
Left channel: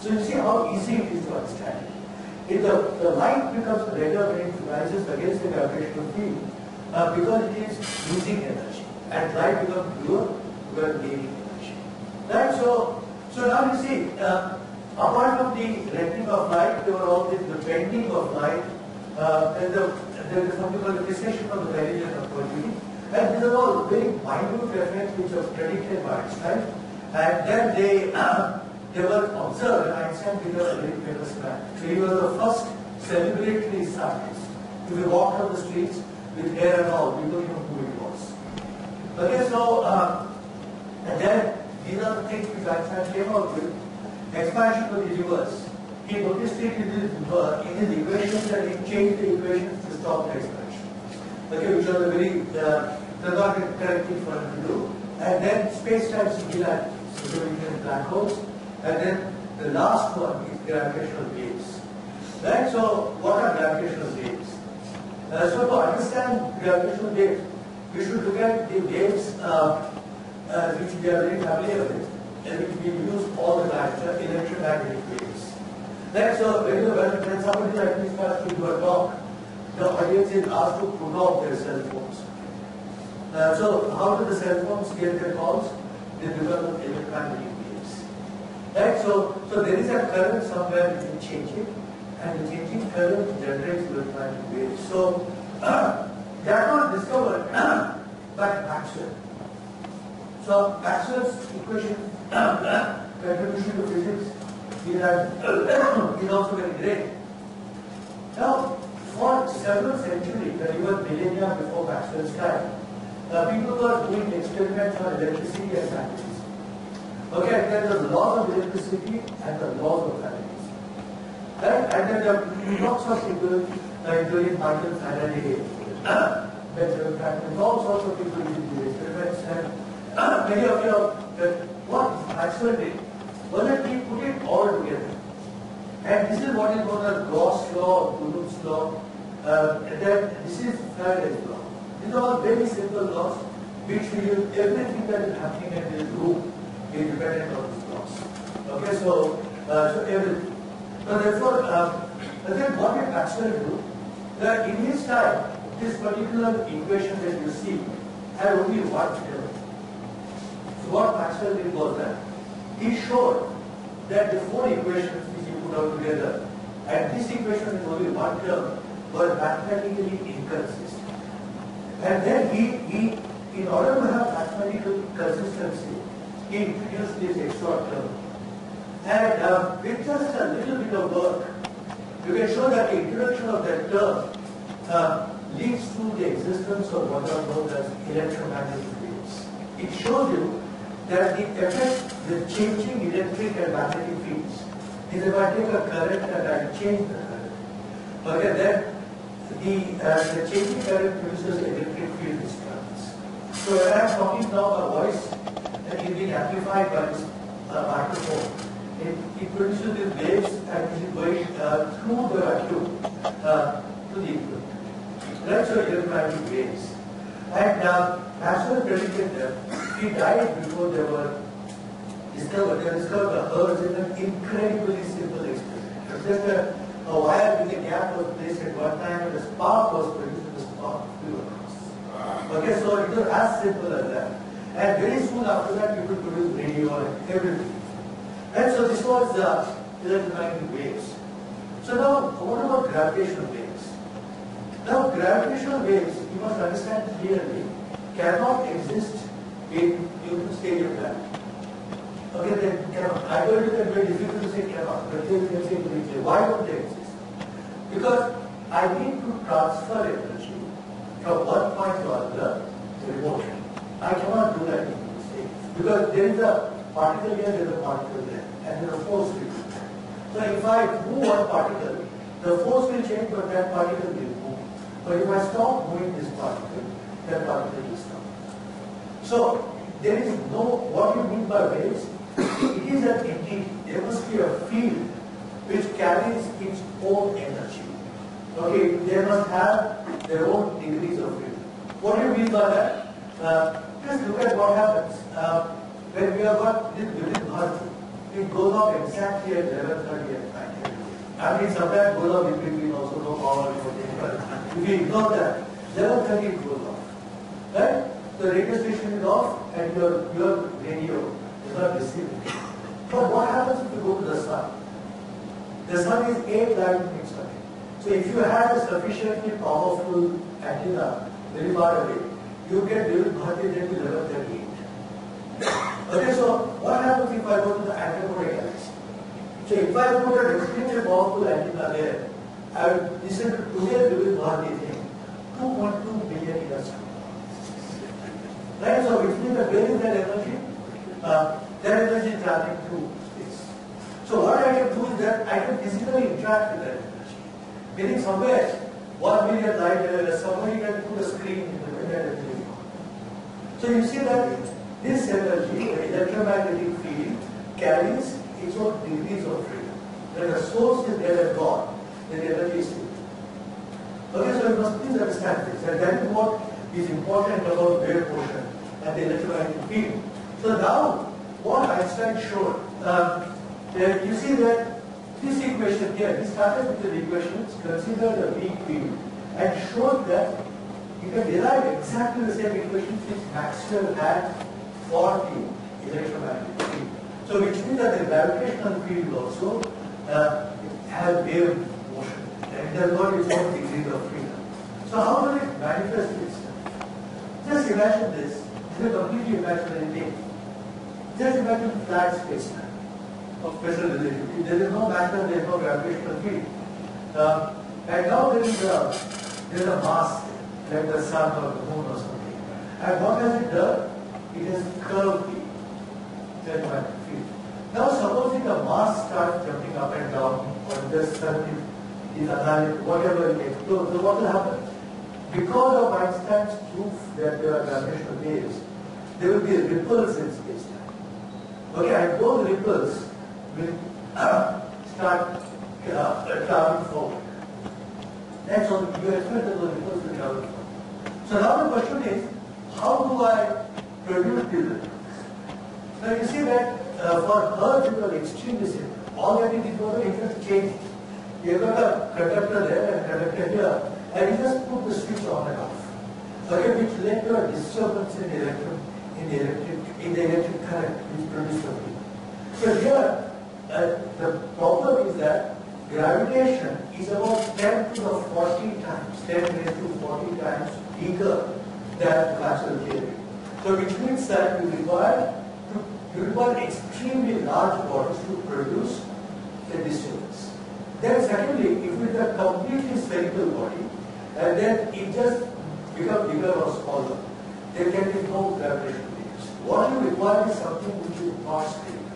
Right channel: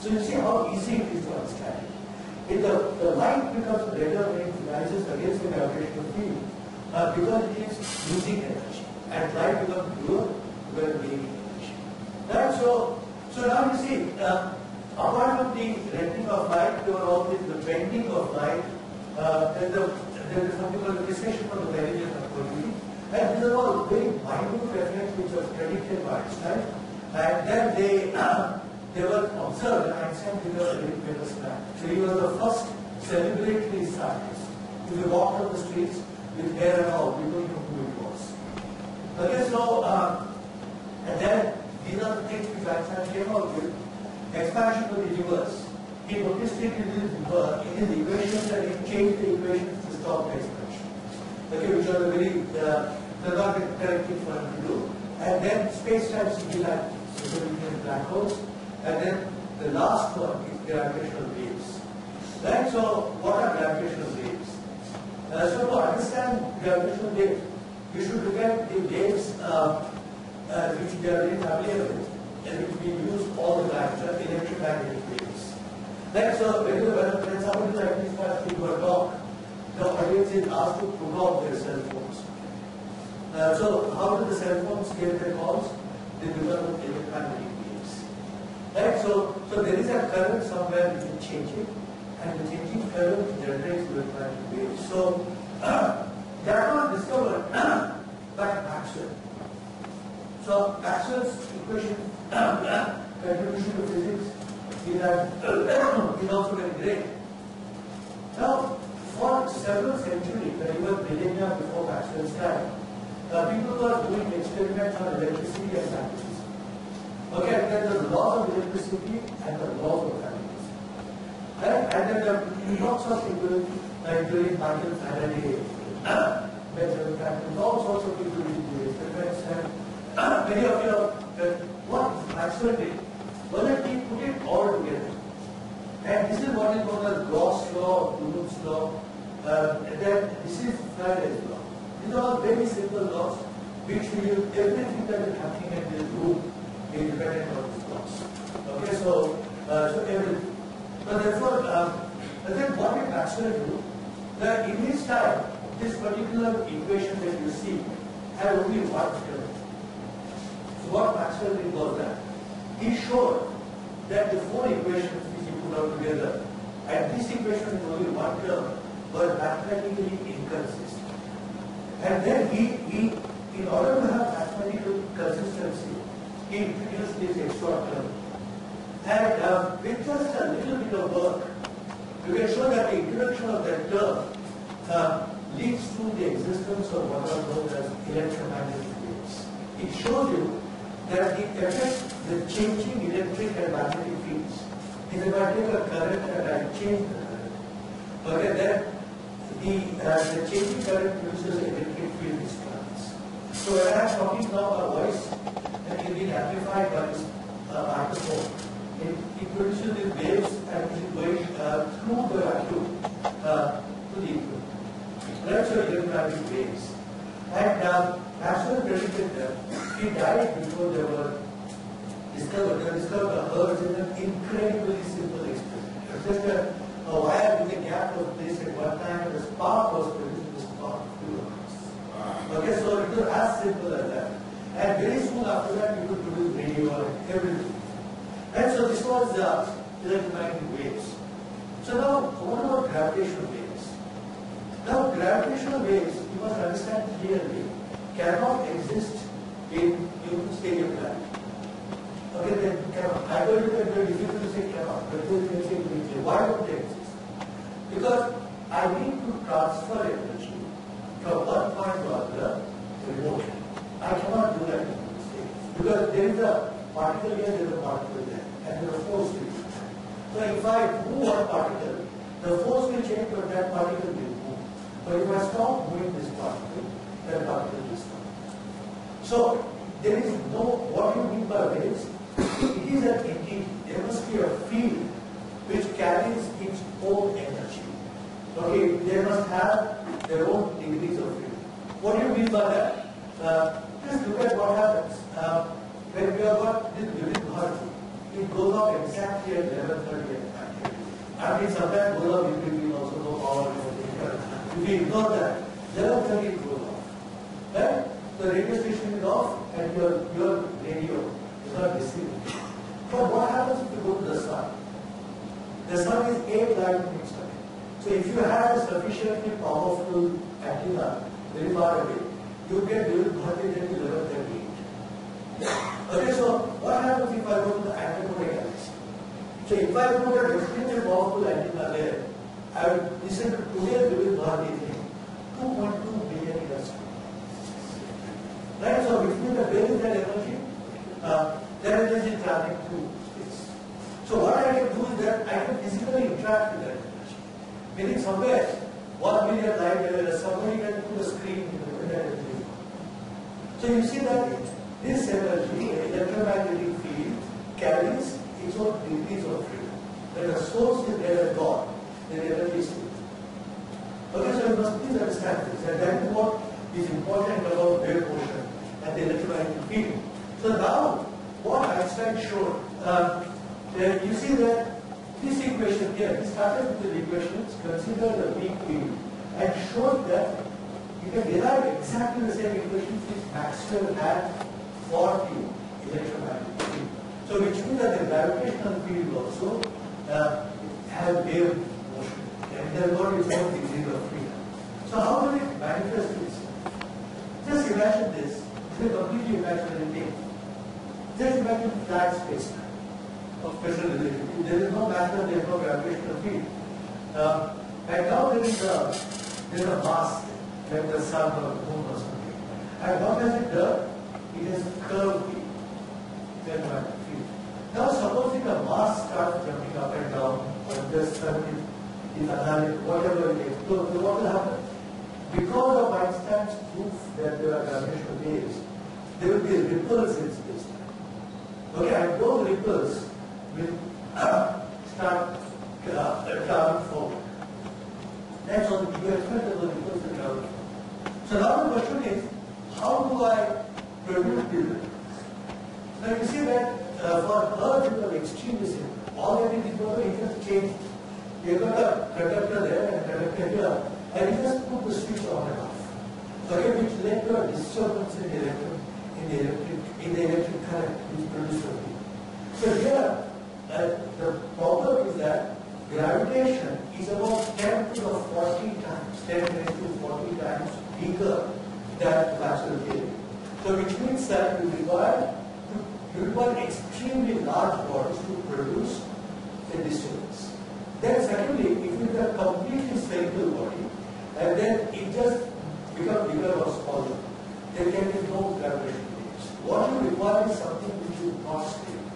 So you see how easy it is to understand. If the light becomes greater when it rises against the gravitational field because it is losing energy, and light becomes pure because it is gaining energy. Right? So now you see, apart from the rendering of light, there were all the bending of light, there is something called the precession of the variation of quality. And these are all very minute effects which are predicted by Einstein. And then they were observed, and Einstein became a very famous man. So he was the first celebratory scientist. If you walked on the streets with hair and all, people knew who it was. Okay, so, and then these are the things which Einstein came out with. Expansion of the universe. He noticed it in his equations, and he changed the equations to stop the expansion. Okay, which was a very correct thing for him to do. And then space-time singularity, so we black holes. And then the last one is gravitational waves. Right? So, what are gravitational waves? So, to understand gravitational waves, we should look at the waves which we are very familiar with, and which we use all the time, which are electromagnetic waves. Right? So, when somebody like this starts to do a talk, the audience is asked to put off their cell phones. So, how do the cell phones get their calls? They become electromagnetic waves. Right? So there is a current somewhere which is changing, and the changing current generates electromagnetic waves. So that was discovered by Maxwell. So Maxwell's equation, contribution to physics, is also very great. Now, for several centuries, even millennia before Maxwell's time, people were doing experiments on electricity and magnetism. Okay, and then the laws of electricity and the laws of magnetism. Right? And then there are lots of people, including Michael Faraday, Benjamin Franklin, all sorts of people did these experiments. And many of you know what Maxwell did was that he put it all together. And this is what is known as Gauss law, Coulomb's law, and then this is Faraday's law. These are all very simple laws which will everything that is happening in this room is dependent on these laws. Okay, so everything. So therefore, then what did Maxwell do? That in his time, this particular equation that you see had only one term. So what Maxwell did was that he showed that the four equations which he put out together, and this equation with only one term, were mathematically inconsistent. And then he in order to have mathematical consistency, he introduced this extra term. And with just a little bit of work, you can show that the introduction of that term leads to the existence of what are known as electromagnetic waves. It shows you that the effect, the changing electric and magnetic fields, is if I take a current and I change the current. Okay, then the changing current produces electric field disturbance. So when I am talking now, a voice that is being amplified by this microphone. It produces these waves and it is going through the vacuum to the equipment. Right? So electromagnetic waves. And Maxwell predicted them. He died before they were discovered. They discovered the Hertz in an incredibly simple experiment. Just a wire with a gap was placed at one time and a spark was produced and the spark flew across. Okay, so it was as simple as that. And very soon after that you could produce radio and everything. And so this was electromagnetic waves. So now, what about gravitational waves? Now, gravitational waves, you must understand clearly, cannot exist in state of gravity. Okay, they cannot. I told you that it's very difficult to say cannot, but they can say briefly. Why don't they exist? Because I need to transfer energy from one point to another remotely. I cannot do that in this state. Because there is a particle here, there is a particle there, and there is a force will be there. So if I move one particle, the force will change, but that particle will move. But if I stop moving this particle, that particle will stop. So there is no, what you mean by waves, it is an entity. There must be a field which carries its own energy. Okay, they must have their own degrees of freedom. What do you mean by that? Just look at what happens when we have got this vivid it goes off exactly at 11:30 at night. I mean, sometimes goes off in between also, no power, but if you ignore that, 11:30 it goes off. Right? The radio station is off and your radio is not receiving. But what happens if you go to the sun? The sun is 8 light minutes away. So if you have a sufficiently powerful antenna very far away, you get Vivid Bharati at 11:38. Okay, so what happens if I go to the antenna galaxy? So if I put an extremely powerful antenna there, I will listen to today's Vivid Bharati thing, 2.2 billion years. Right? So which means that where is that energy? That energy is traveling through space. So what I can do is that I can physically interact with that energy. Meaning somewhere, 1 million light years, somebody can put a screen in that energy. So you see that this energy, the electromagnetic field, carries its own degrees of freedom. When the source is there at God, then the energy is free. Okay, so you must please understand this. And that is what is important about wave motion and the electromagnetic field. So now, what Einstein showed, you see that this equation here, he started with the equations, considered a weak field, and showed that you can derive exactly the same equations which Maxwell had for the electromagnetic field. So which means that the gravitational field also has wave motion, and it has got its own degrees of freedom. So how does it manifest itself? Just imagine this. This is a completely imaginary thing. Just imagine flat space-time of special relativity. There is no matter, there is no gravitational field. And now there is a mass, like the sun or the moon or something. And what has it done? It has curved the electromagnetic field. Now supposing the mass starts jumping up and down, or the sun is annihilated, whatever it explodes, then what will happen? Because of Einstein's proof that there are gravitational waves, there will be ripples in space-time. Okay, and those ripples will start traveling forward. That's all. You expect that those ripples will travel forward. So now the question is, how do I produce these ripples? Now you see that for Earth it was extremely simple. All that it is was you just change. You got a conductor there and a conductor here, and you just put the switch on and off. Okay, which led to a disturbance in the electric current which produces a field. So here, the problem is that gravitation is about 10 to the 40 times, 10 raised to 40 times bigger than Maxwell theory. So which means that you require extremely large bodies to produce a disturbance. Then secondly, if it is a completely spherical body, and then it just becomes bigger or smaller, there can be no gravitational waves. What you require is something which is not stable.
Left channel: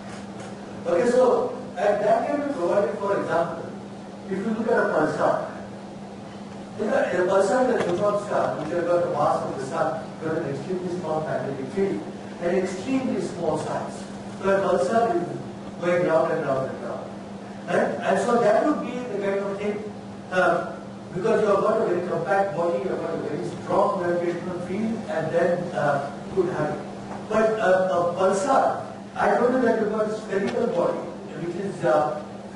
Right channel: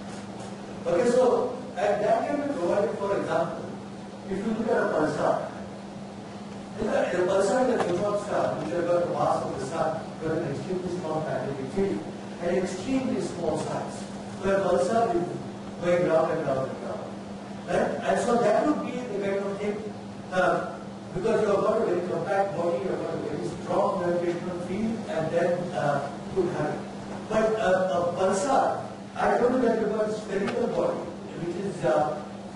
Okay, so and that can be provided, for example, if you look at a pulsar. A pulsar is a neutron star which has got the mass of the sun, with an extremely strong magnetic field, and extremely small size. So a pulsar is going round and round and round. Right? And so that would be the kind of thing, because you have got a very compact body, you have got a very strong gravitational field, and then you could have it. But a pulsar, I told you that you've got a spherical body, which is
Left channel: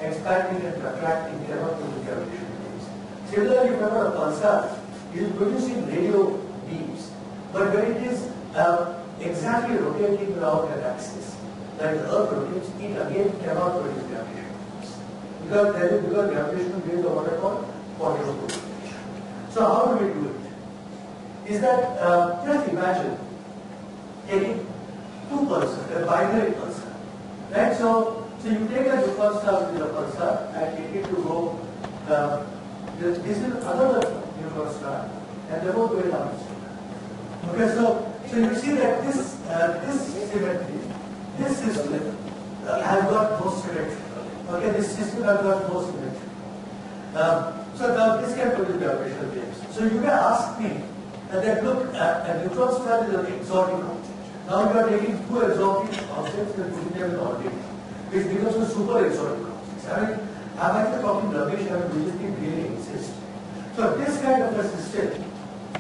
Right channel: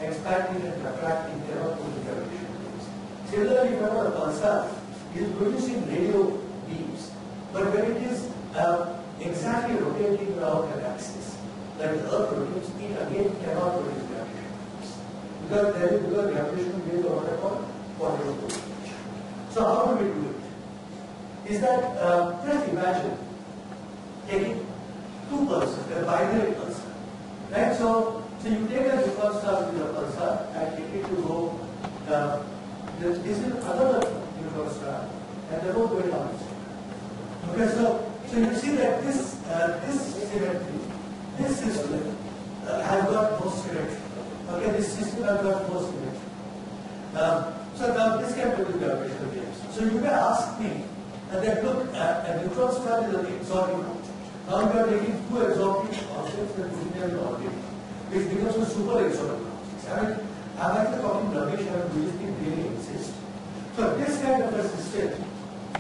expanding and contracting, cannot produce gravitational waves. Similarly, if you have got a pulsar, it is producing radio beams, but when it is exactly rotating around an axis, like the Earth rotates, it again cannot produce gravitational waves. Because gravitational waves are what I call quantum rotation. So how do we do it? Is that, just imagine taking two pulsars, a binary pulsar. Right? So you take a neutron star with a pulsar and take it to go, this is another neutron star, and they both go down. Okay, so you see that this symmetry, this system has got more symmetry. Okay, this system has got more symmetry. So now this can produce gravitational waves. So you may ask me that look, a neutron star is an exotic object. Now you are taking two exotic objects and putting them in orbit, which becomes a super exotic object. I mean, I'm actually talking rubbish and do this thing really exist. So this kind of a system,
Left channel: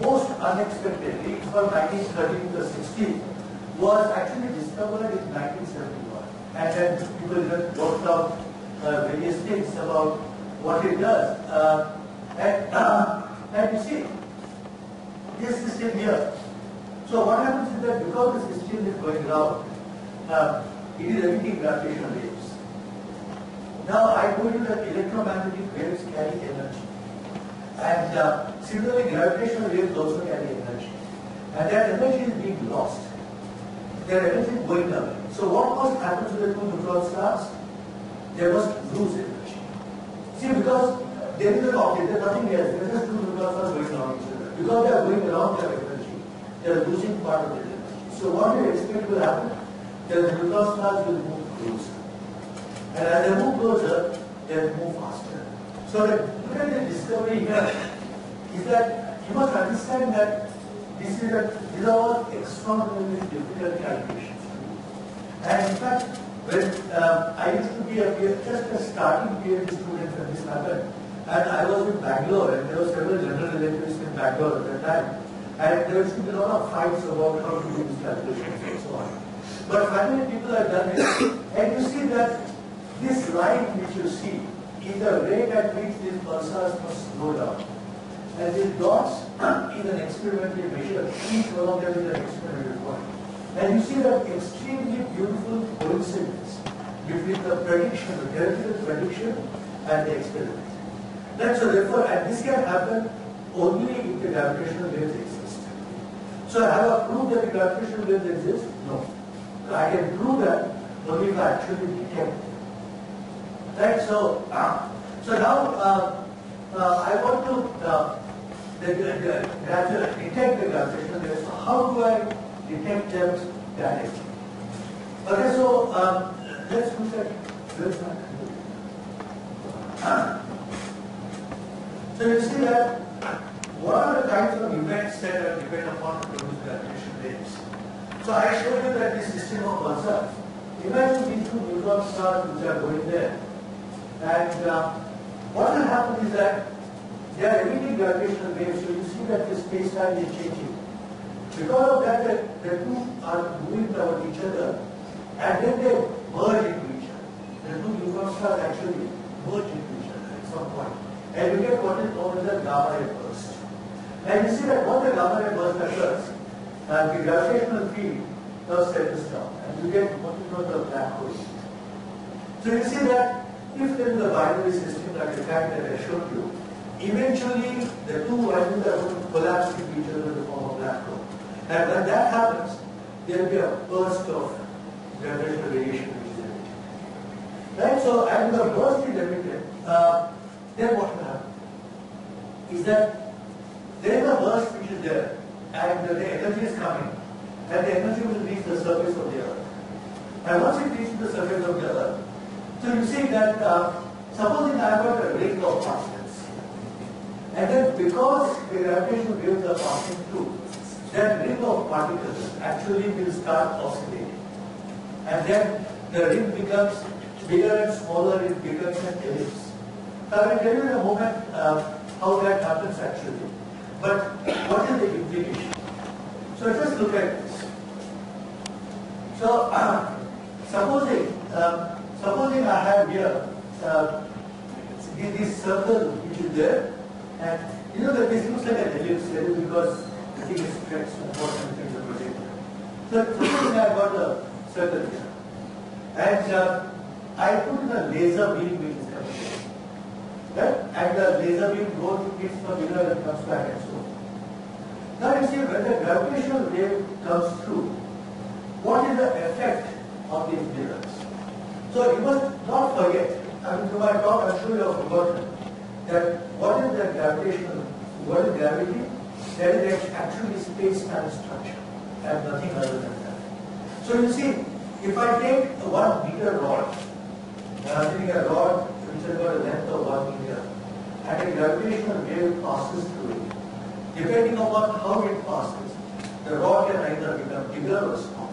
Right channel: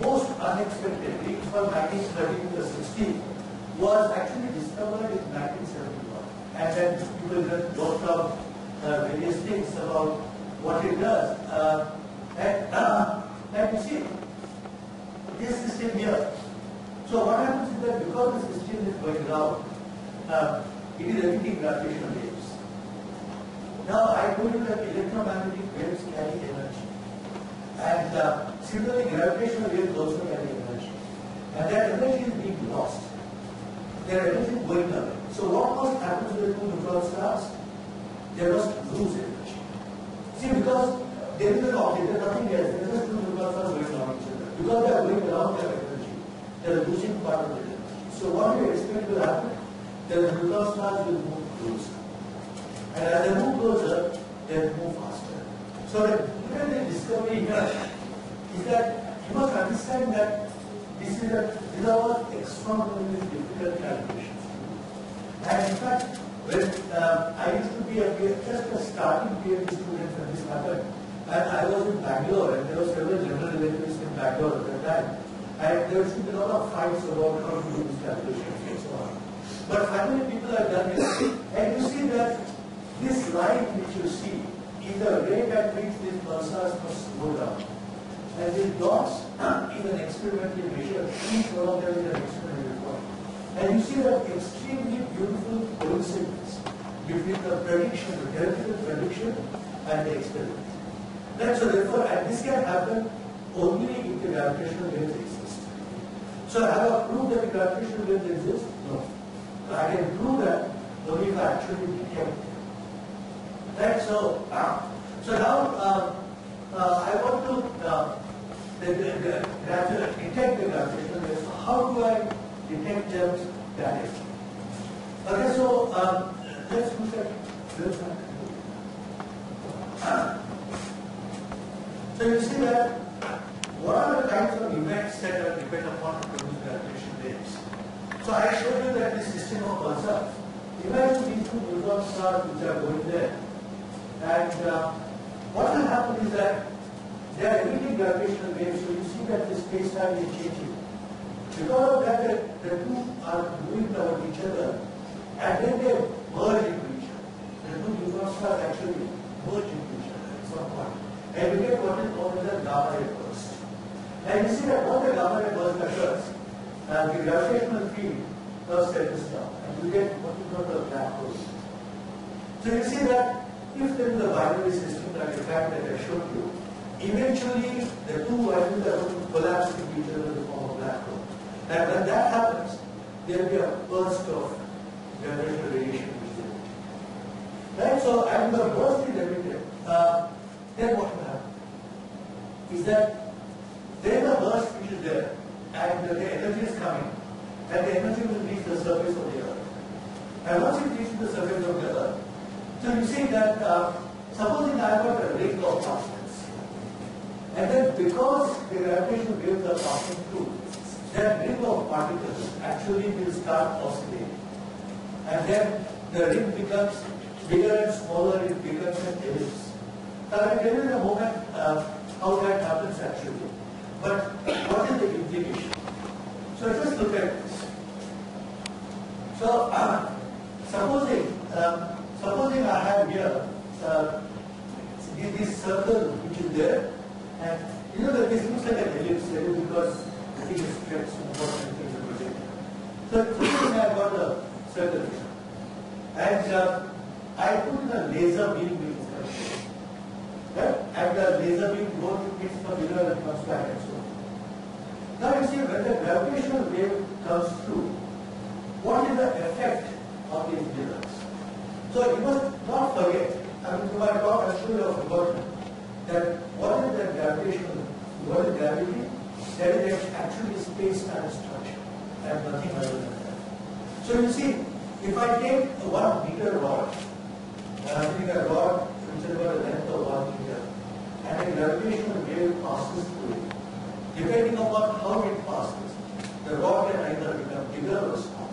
most unexpectedly, from 1930 to the 60s, was actually discovered in 1971. And then people knows about various things about what it does. And you see, this system here. So what happens is that because the system is going around, it is emitting gravitational waves. Now I told you that electromagnetic waves carry energy. And similarly, gravitational waves also carry energy. And that energy is being lost. Their energy is going away. So what must happen to the two neutron stars? They must lose energy. See, because there is an object, there is nothing else. There are just two neutron stars going around each other. Because they are going around their energy, they are losing part of their energy. So what do you expect will happen? The neutron stars will move closer. And as they move closer, they will move faster. So the discovery here is that you must understand that these are all extraordinarily difficult calculations. And in fact, when I used to be just a starting PhD student when this happened, and I was in Bangalore, and there were several general relativists in Bangalore at that time, and there used to be a lot of fights about how to do these calculations and so on. But finally, people have done it, and you see that this line which you see is the rate at which these pulsars must slow down. And these dots is an experimentally measured, each one of them is an experimental point. And you see that extremely beautiful coincidence between the prediction, the theoretical prediction, and the experiment. Right? So therefore, and this can happen only if the gravitational waves exist. So have I proved that the gravitational waves exist? No. So I can prove that only if I actually detect them. Right? So, now I want to detect the gravitational waves. So how do I detect them directly? Okay, so let's look at this one. So you see that what are the kinds of events that are depend upon to produce gravitational waves? So I showed you that this system of pulsars. Imagine these two neutron stars which are going there. And what will happen is that they are emitting gravitational waves, so you see that the space-time is changing. Because of that, the two are moving toward each other, and then they merge into each other. The two neutron stars actually merge into each other at some point. And you get what is known as a gamma ray burst. And you see that when the gamma ray burst occurs, the gravitational field settles down, and you get what is known as a black hole. So you see that if there is a binary system like the fact that I showed you, eventually the two values are going to collapse into each other in the form of black hole. And when that happens, there will be a burst of gravitational radiation which is emitted. Right? So, and the burst is emitted, then what will happen? Is that there is a burst which is there, and the energy is coming, and the energy will reach the surface of the Earth. And once it reaches the surface of the Earth, so you see that, supposing I have got a ring of particles, and then because the gravitational waves are passing through, that ring of particles actually will start oscillating. And then the ring becomes bigger and smaller, it becomes an ellipse. So I will tell you in a moment how that happens actually. But what is the implication? So just look at this. So supposing I have here this circle which is there, and you know that this looks like an ellipse because the thing is stretched and what and things are projected. So supposing I have got a circle here, and I put in a laser beam which is coming here. Right? And the laser beam goes, hits the mirror and comes back and so on. Now you see, when the gravitational wave comes through, what is the effect on these mirrors? So you must not forget, I mean, through my talk, I'm sure you have forgotten, that what is the gravitational, what is gravity? That is actually space-time structure, and nothing other than that. So you see, if I take a 1 meter rod, and I'm taking a rod which has got a length of 1 meter, and a gravitational wave passes through it, depending upon how it passes, the rod can either become bigger or smaller.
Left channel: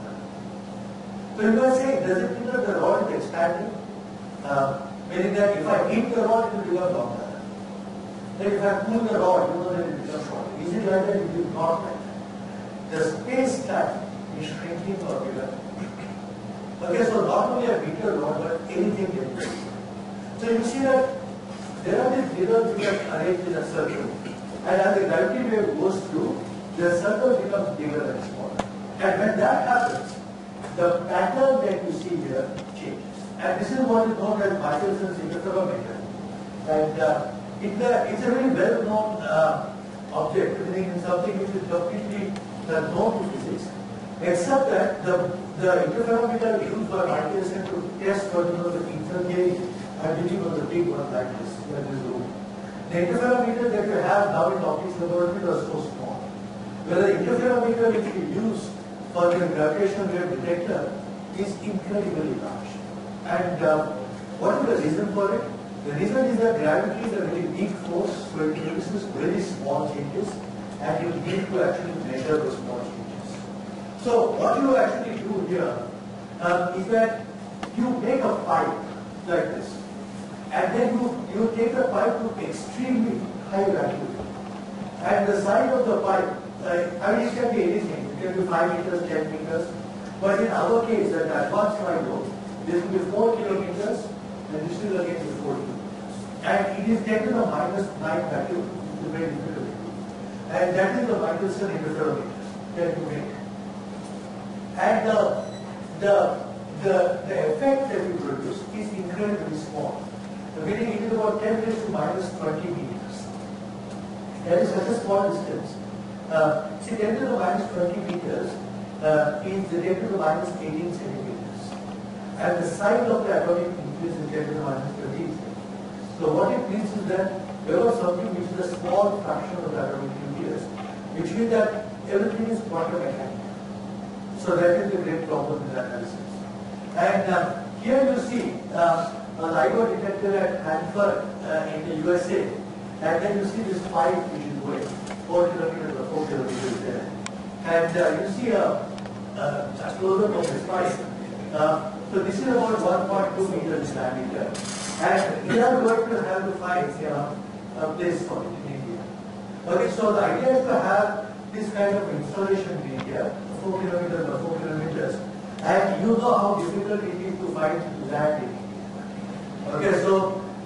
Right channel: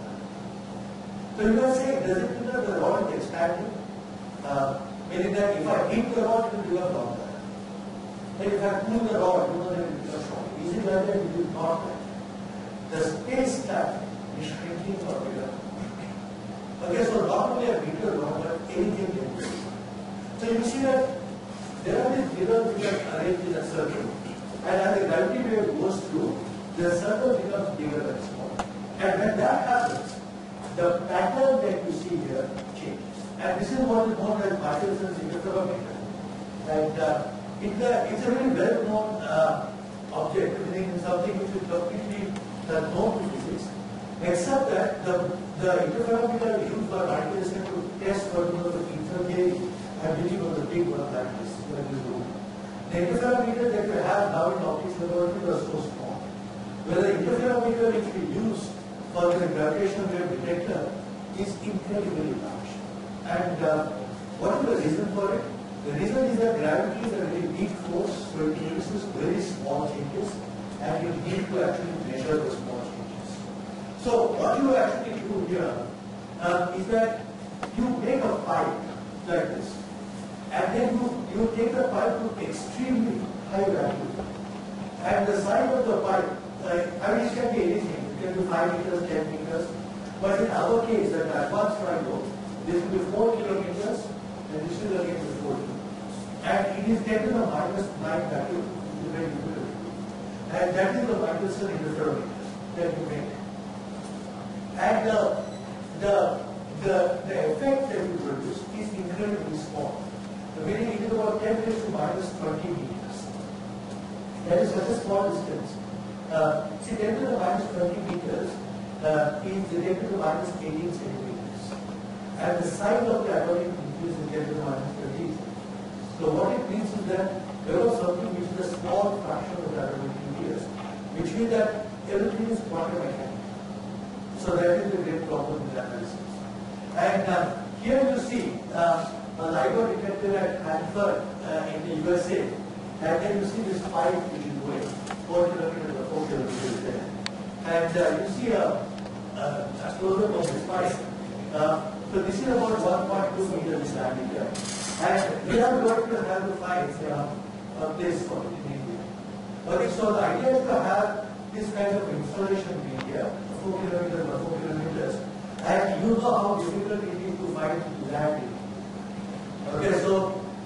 So you can say, does it mean that the rod is expanding? Meaning that if I heat the rod, it will become longer. And if I cool the rod, you know that it will become shorter. Is it like that? It is not like that. The space-time is shrinking or bigger. Okay, so normally only a meter long, but anything can be. So you see that there are these mirrors which are arranged in a circle, and as the gravity wave goes through, the circle becomes bigger and smaller. And when that happens, the pattern that you see here changes. And this is what is known as Michelson's interferometer. And it's a very well-known object, something which is completely known to physics, except that the interferometer is used by Michelson to test for the ether gauge and reading of the big one like this, in this room. The interferometer that we have now in optics laboratory are so small. Whereas the interferometer which we use for the gravitational wave detector is incredibly large. And what is the reason for it? The reason is that gravity is a very weak force, so it produces very small changes, and you need to actually measure those small changes. So what you actually do here is that you make a pipe like this, and then you take the pipe to extremely high vacuum. And the size of the pipe, I mean, it can be anything. It can be 5 meters, 10 meters. But in our case, the advanced micro, this will be 4 kilometers, and this will again be 4 kilometers. And it is 10 to the minus 9 vacuum, which is very difficult. And that is the Michelson interferometer that you make. And the effect that you produce is incredibly small. The meaning it is about 10 raised to minus 20 meters. That is such a small distance. See, 10 to the minus 20 meters is 10 to the minus 18 centimeters. And the size of the atomic nucleus is 10 to the minus 20 centimeters. So what it means is that there was something which is a small fraction of the atomic nucleus, which means that everything is quantum mechanical. So that is the great problem in analysis. And here you see a LIGO detector at Hanford in the USA, and then you see this pipe which is going 4 kilometers or 4 kilometers there. And you see a close-up of this pipe. So this is about 1.2 meters diameter. And we are going to have to find a place for it in India. Okay, so the idea is to have this kind of installation in India, 4 kilometers or 4 kilometers, and you know how difficult it is to find land in India. Okay, so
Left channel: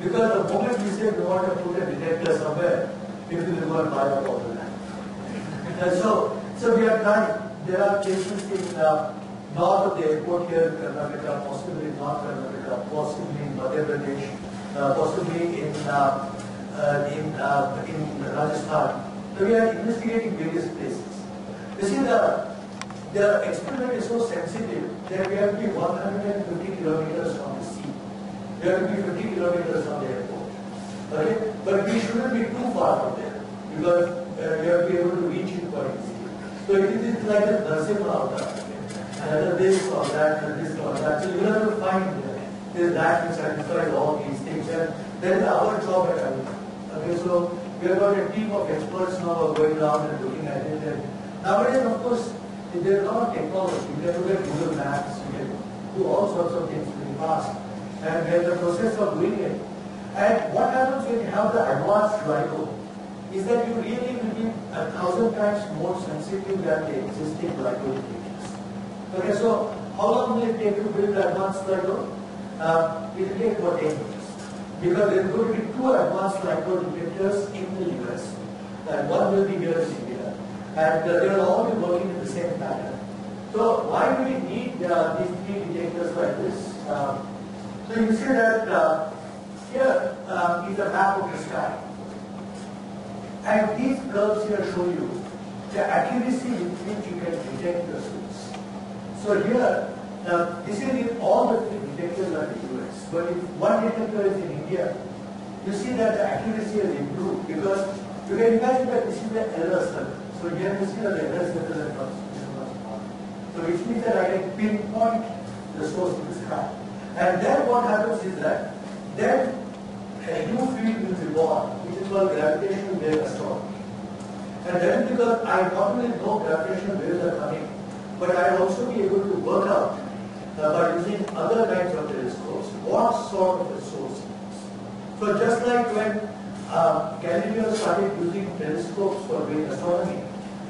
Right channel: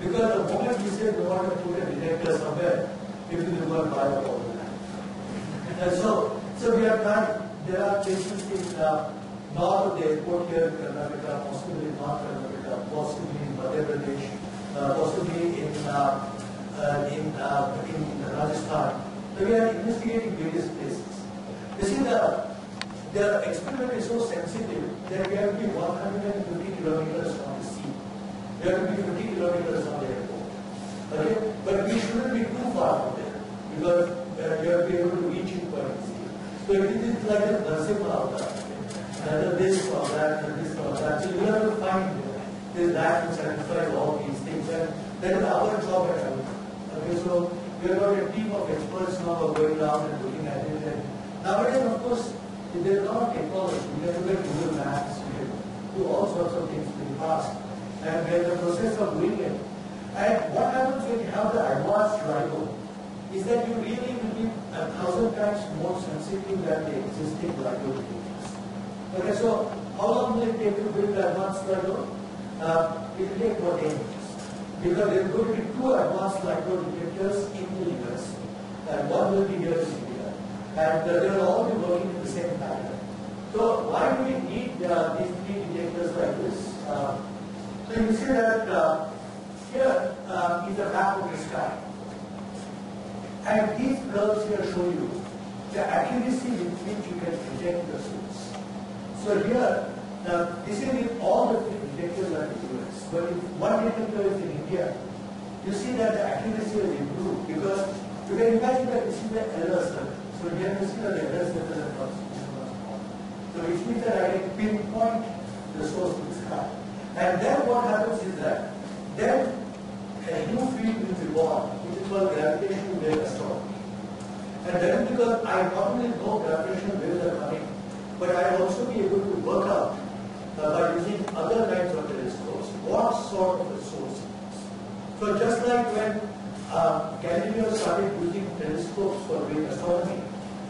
because the moment we say we want to put a detector somewhere, people will go and buy up all the land. And so we are trying. There are places in north of the airport here in Karnataka, possibly in North Karnataka, possibly in Madhya Pradesh, possibly in Rajasthan. So we are investigating various places. You see, the experiment is so sensitive that we have to be 150 kilometers from the sea. We have to be 50 kilometers from the airport. Okay? But we shouldn't be too far from there because we have to be able to reach it quite easily. So it is like a nursing out there. And this or that, and this or that. So you have to find that which satisfies all these things. And that is our job at Bangalore. Okay, so we have got a team of experts now going around and looking at it. And nowadays, of course, there is a lot of technology. You can look at Google Maps, you can do all sorts of things pretty fast. And we are in the process of doing it. And what happens when you have the advanced LIGO is that you really will be 1,000 times more sensitive than the existing LIGO detectors. Okay, so how long will it take to build the advanced LIGO? It will take about 10 years. Because there are going to be 2 advanced LIGO detectors in the US. And one will be here in India. And they will all be working in the same pattern. So why do we need these 3 detectors like this? So you see that here is a map of the sky. And these curves here show you the accuracy with which you can detect the source. So here, this is in all the 3 detectors are in the US. But if one detector is in India, you see that the accuracy has improved because you can imagine that this is the error circle. So here you see that the error circle is much smaller. So which means that I can pinpoint the source of the sky. And then what happens is that then a new field will be born, which is called gravitational wave astronomy. And that is because I not only know gravitational waves are coming, but I will also be able to work out by using other kinds of telescopes what sort of a source it is. So just like when Galileo started using telescopes for doing astronomy,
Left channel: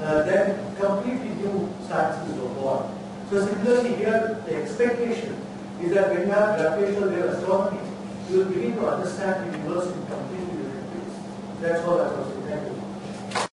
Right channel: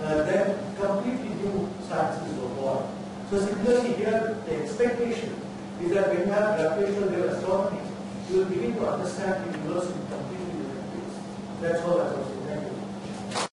then completely new sciences were born. So similarly here, the expectation is that when you have gravitational wave astronomy, you will begin to understand the universe in completely different ways. That's how